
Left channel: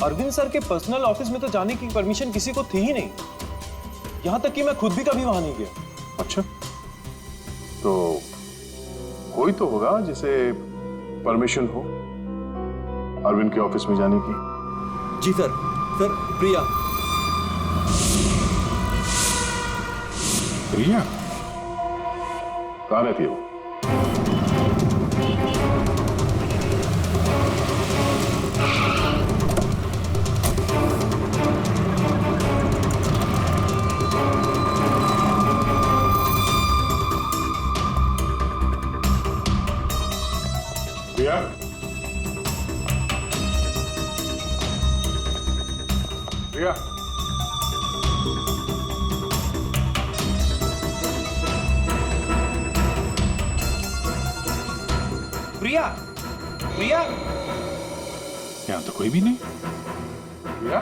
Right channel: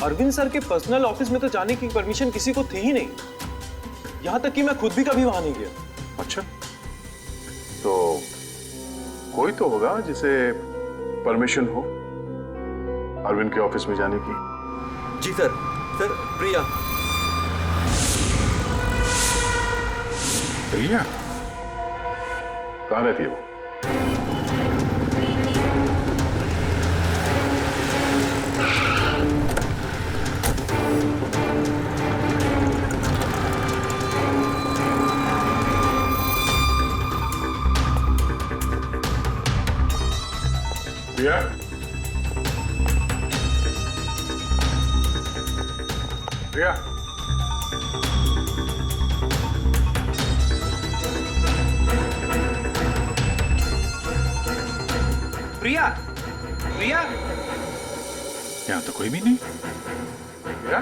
अरविंद सर के पर्सनल ऑफिस में तो जाने की परमिशन किसी को थी ही नहीं, यहां तक कि मैं खुद भी कभी वहां नहीं गया। अच्छा, तो कोई तो होगा जिसे परमिशन हो अरविंद के ऑफिस में जाने की। जी सर। सर प्रिया। प्रिया कहाँ रहती है वो? प्रिया? प्रिया? प्रिया। प्रिया। यहाँ तो कोई भी नहीं। प्रिया?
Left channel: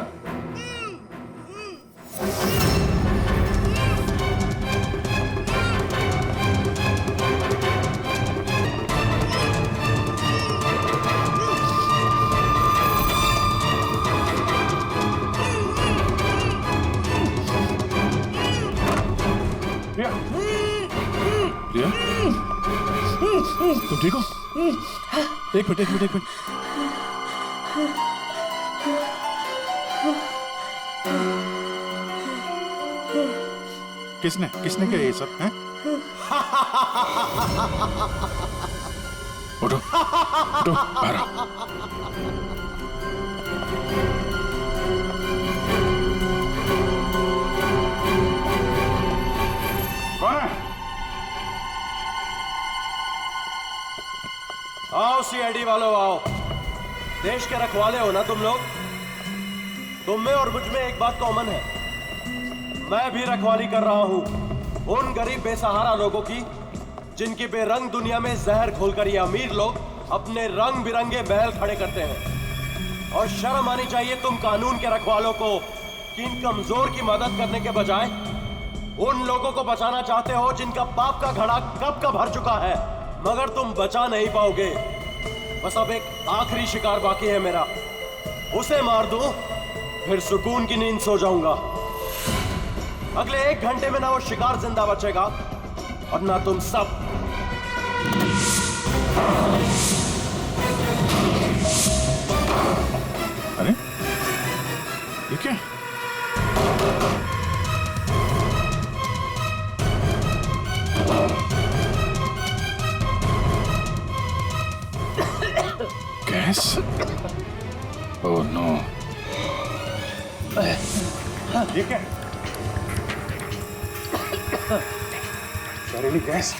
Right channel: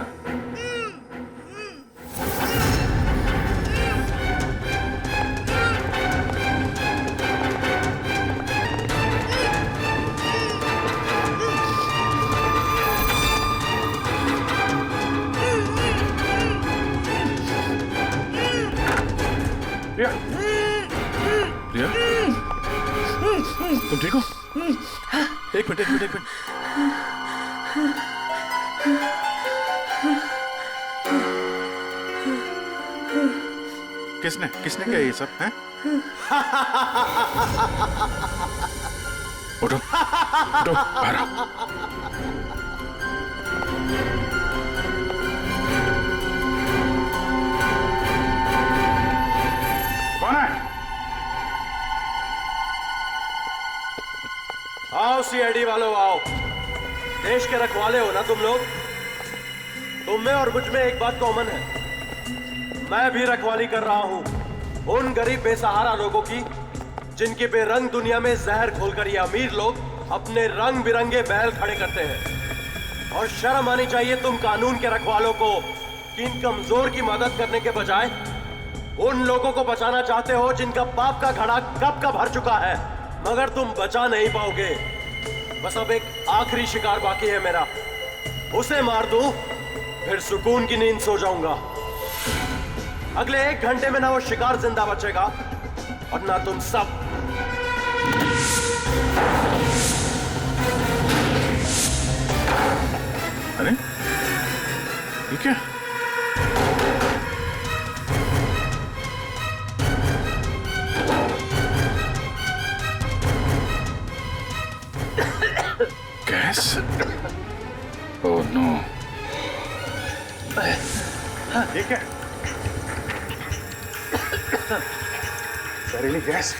प्रिया? प्रिया? तुम ठीक हो? एक मिनट। किसने किया ये सब? हैं? उठो बाहर आओ। कौन है? आओ सीआईडी वालों आओ। देश के रखवाले हो ना तुम लोग। तुम में और मुझ में एक बात कॉमन है, मैं भी रखवाली कर रहा हूं उन गरीब बेसहारा लोगों की जिनकी बेरंग दुनिया में जहर घोलकर ये अमीर लोग अपने रंग बिरंगे बैल खड़े करते हैं। और शर्म आनी चाहिए तुम कानून के रखवालों को कि इन कमजोर की मदद करने के बजाय उन लोगों को बचाना चाहते हो जिनका पाप का घड़ा कब का भर चुका है, मगर तुम बचा नहीं पाओगे। बस अब एक आखिरी शिकार बाकी है मेरा, उसे मार दूं फिर सुकून की नींद सो जाऊंगा। अगले 1 घंटे में ना वो शिकार जिंदा बचेगा और ना तुम सब। अरे ये क्या? गैस? Oh no. ये क्या? जहरीली गैस।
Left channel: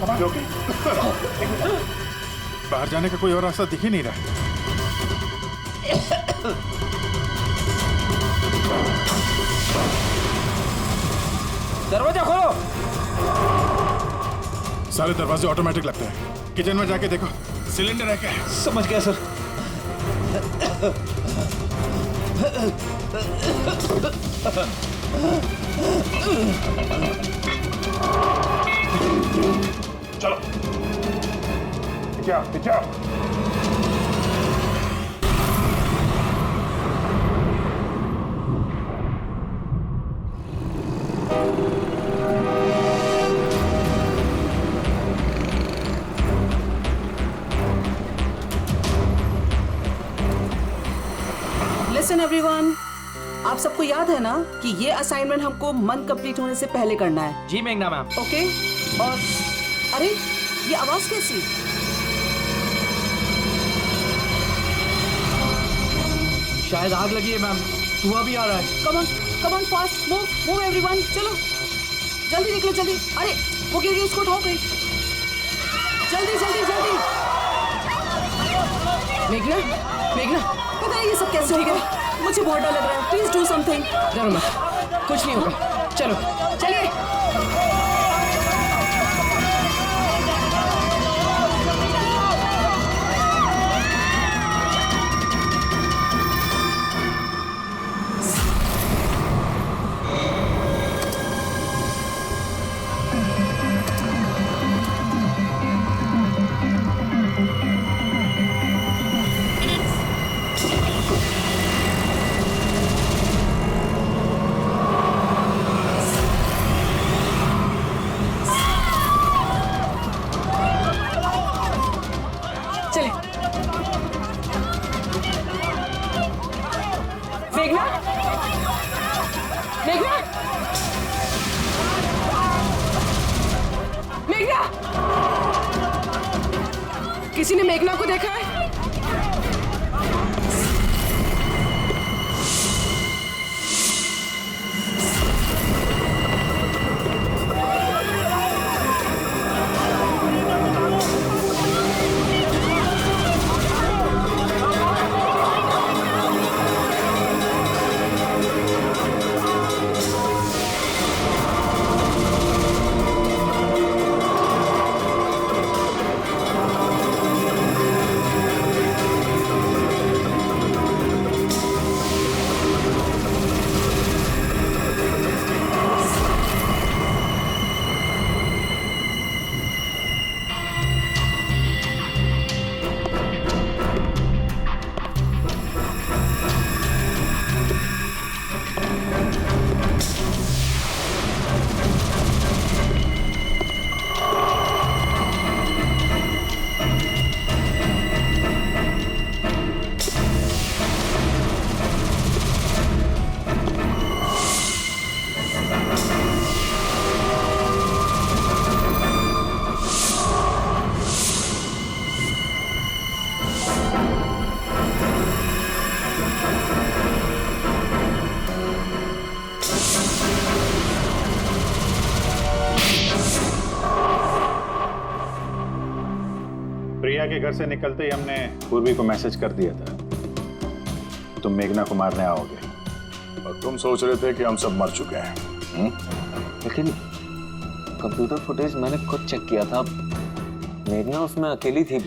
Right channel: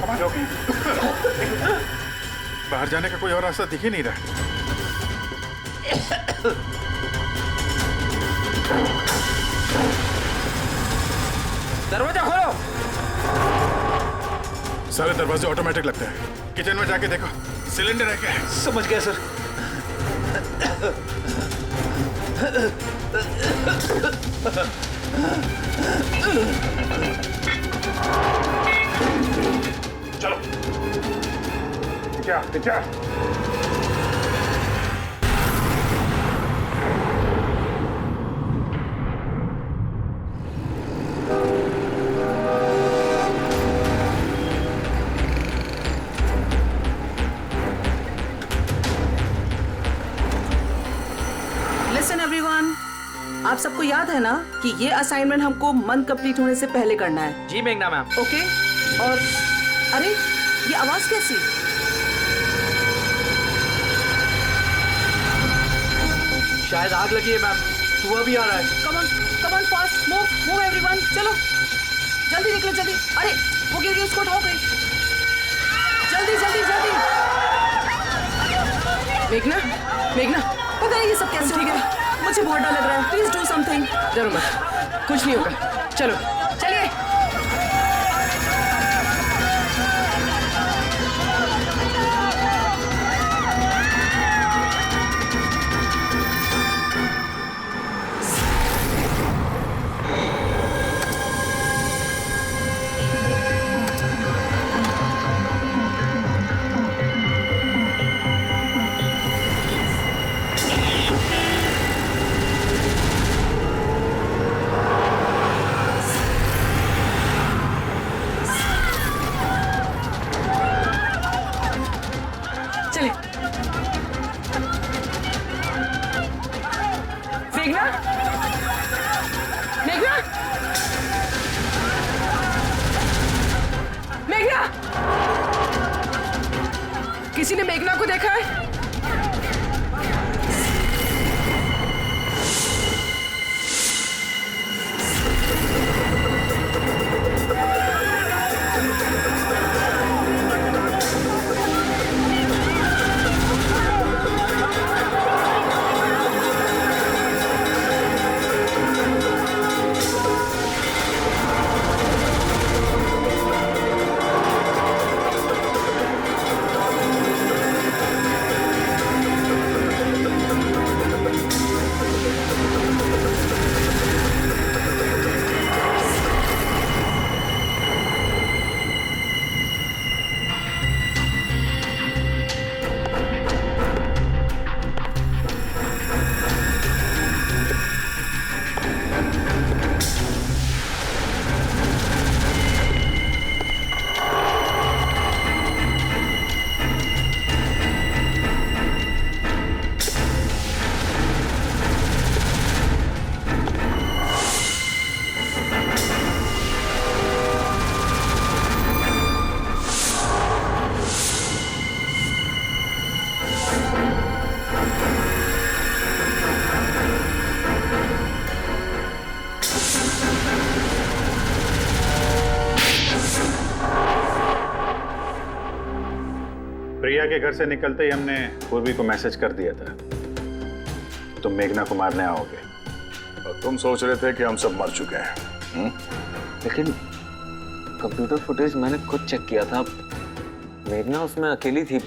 समझ लो कि बाहर जाने का कोई और रास्ता दिख ही नहीं रहा। दरवाजा खोलो। सारे दरवाजे ऑटोमेटिक लगते हैं। किचन में जाके देखो सिलेंडर है क्या? समझ गया सर। चलो क्या? लिसन एवरीवन, आप सबको याद है ना कि ये असाइनमेंट हमको मंथ कंप्लीट होने से पहले करना है। जी मेघना मैम। ओके। और अरे ये आवाज कैसी? शायद आग लगी है मैम, धुआं भी आ रहा है। Come on fast, move everyone, चलो जल्दी निकलो जल्दी। अरे वो गिर गई, उसको उठाओ कोई, जल्दी। मेघना पता नहीं ये सब कैसे हो गया। मुझे बहुत डर लग रहा है, प्लीज डू समथिंग। डरो मत, कुछ नहीं होगा, चलो चलिए। चले। मेघना, मेघना, मेघना, किसी ने मेघना को देखा है? प्रिया के घर से निकलते ही हमने पूर्वी को मैसेज कर दिया था तुम मेघना को मारने आओगे, और तुम सोच रहे थे कि हम सब मर चुके हैं। लेकिन कंप्यूटर फुटेज मैंने खुद चेक किया था, मेघना उसमें अकेली थी।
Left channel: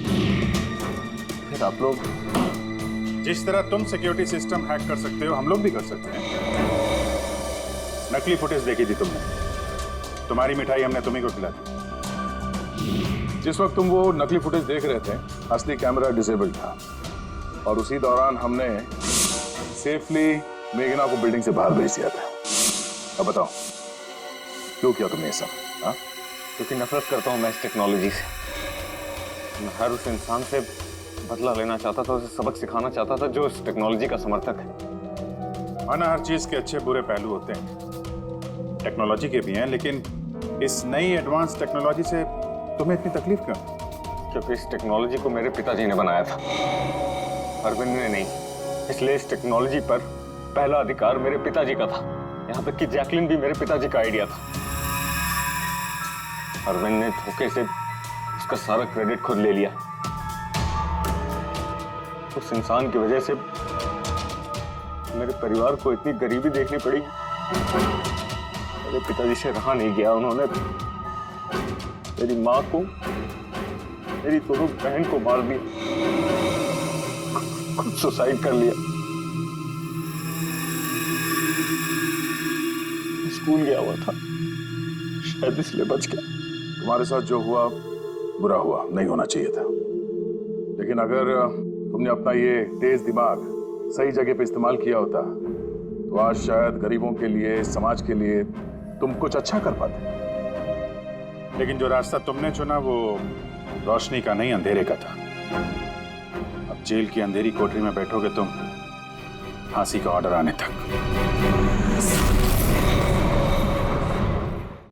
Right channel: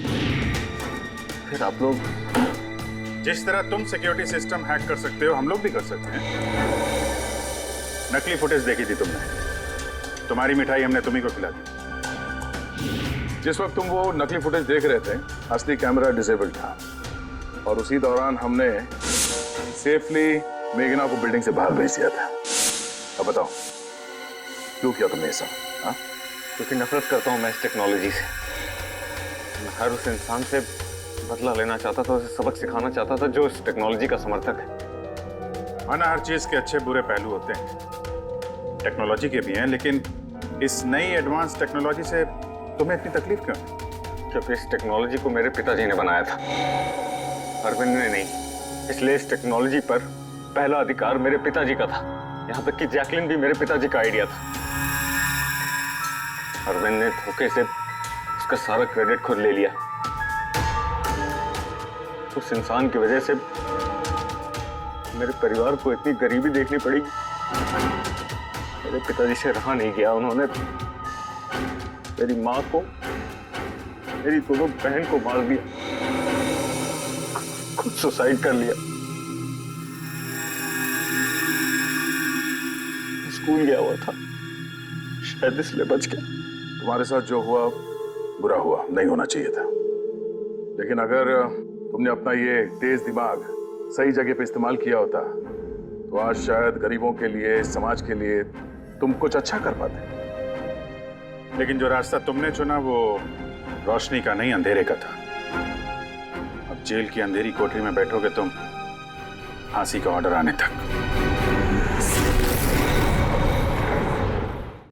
फिर आप लोग जिस तरह तुम सिक्योरिटी सिस्टम हैक कर सकते हो हम लोग भी कर सकते हैं। नकली फुटेज देखी थी तुमने, तुम्हारी मिठाई हमने तुम्ही को खिला दी। जिस वक्त तुम वो नकली फुटेज देख रहे थे असली कैमरा डिसेबल था, और उसी दौरान हमने सेफली मेघना को बिल्डिंग से बाहर भेज दिया था। अब बताओ क्यों किया तुमने ऐसा? क्योंकि नफरत करता हूं मैं इस टेक्नोलॉजी से। मैं हर उस इंसान से बदला लेना चाहता था, उसे सबक सिखाना चाहता था जो इस टेक्नोलॉजी का समर्थक है। माना हर चीज के अच्छे बुरे पहलू होते हैं, टेक्नोलॉजी के भी हैं, लेकिन इस नई एडवांस टेक्नोलॉजी से तुम्हें इतनी तकलीफ क्यों? क्योंकि इस टेक्नोलॉजी को मेरे पिताजी ने बनाया था, अरविंद ने नहीं। इसलिए इस टेक्नोलॉजी पर पहला अधिकार मेरे पिताजी का था। यहाँ तक कि जैकलिन भी मेरे पिताजी का आइडिया था। अरविंद ने धोखे से उसका सारा क्रेडिट खुद ले लिया। उस इंसान की वजह से मेरे परिवार को इतनी गरीबी देखनी पड़ी। मेरे पिताजी से रहा नहीं गया, उन्होंने मेरी माँ को, मेरी दोनों बहन को मार दिया, खुद सुसाइड कर लिया। स्कूल गया हुआ था, शायद इसलिए बच गया। तुम्हारे साथ जो हुआ बुरा हुआ, नहीं होना चाहिए था। लेकिन अगर तुमने अपना ये तेज दिमाग सही जगह पे इस्तेमाल किया होता तो आज शायद गरीबों के लिए, समाज के लिए तुम कुछ अच्छा कर पाते। लेकिन जो रास्ता तुमने चुना वो रोशनी का नहीं, अंधेरे का था। अब जेल की अंधेरी कोठरी में बैठोगे तुम फांसी का ऑर्डर आने तक।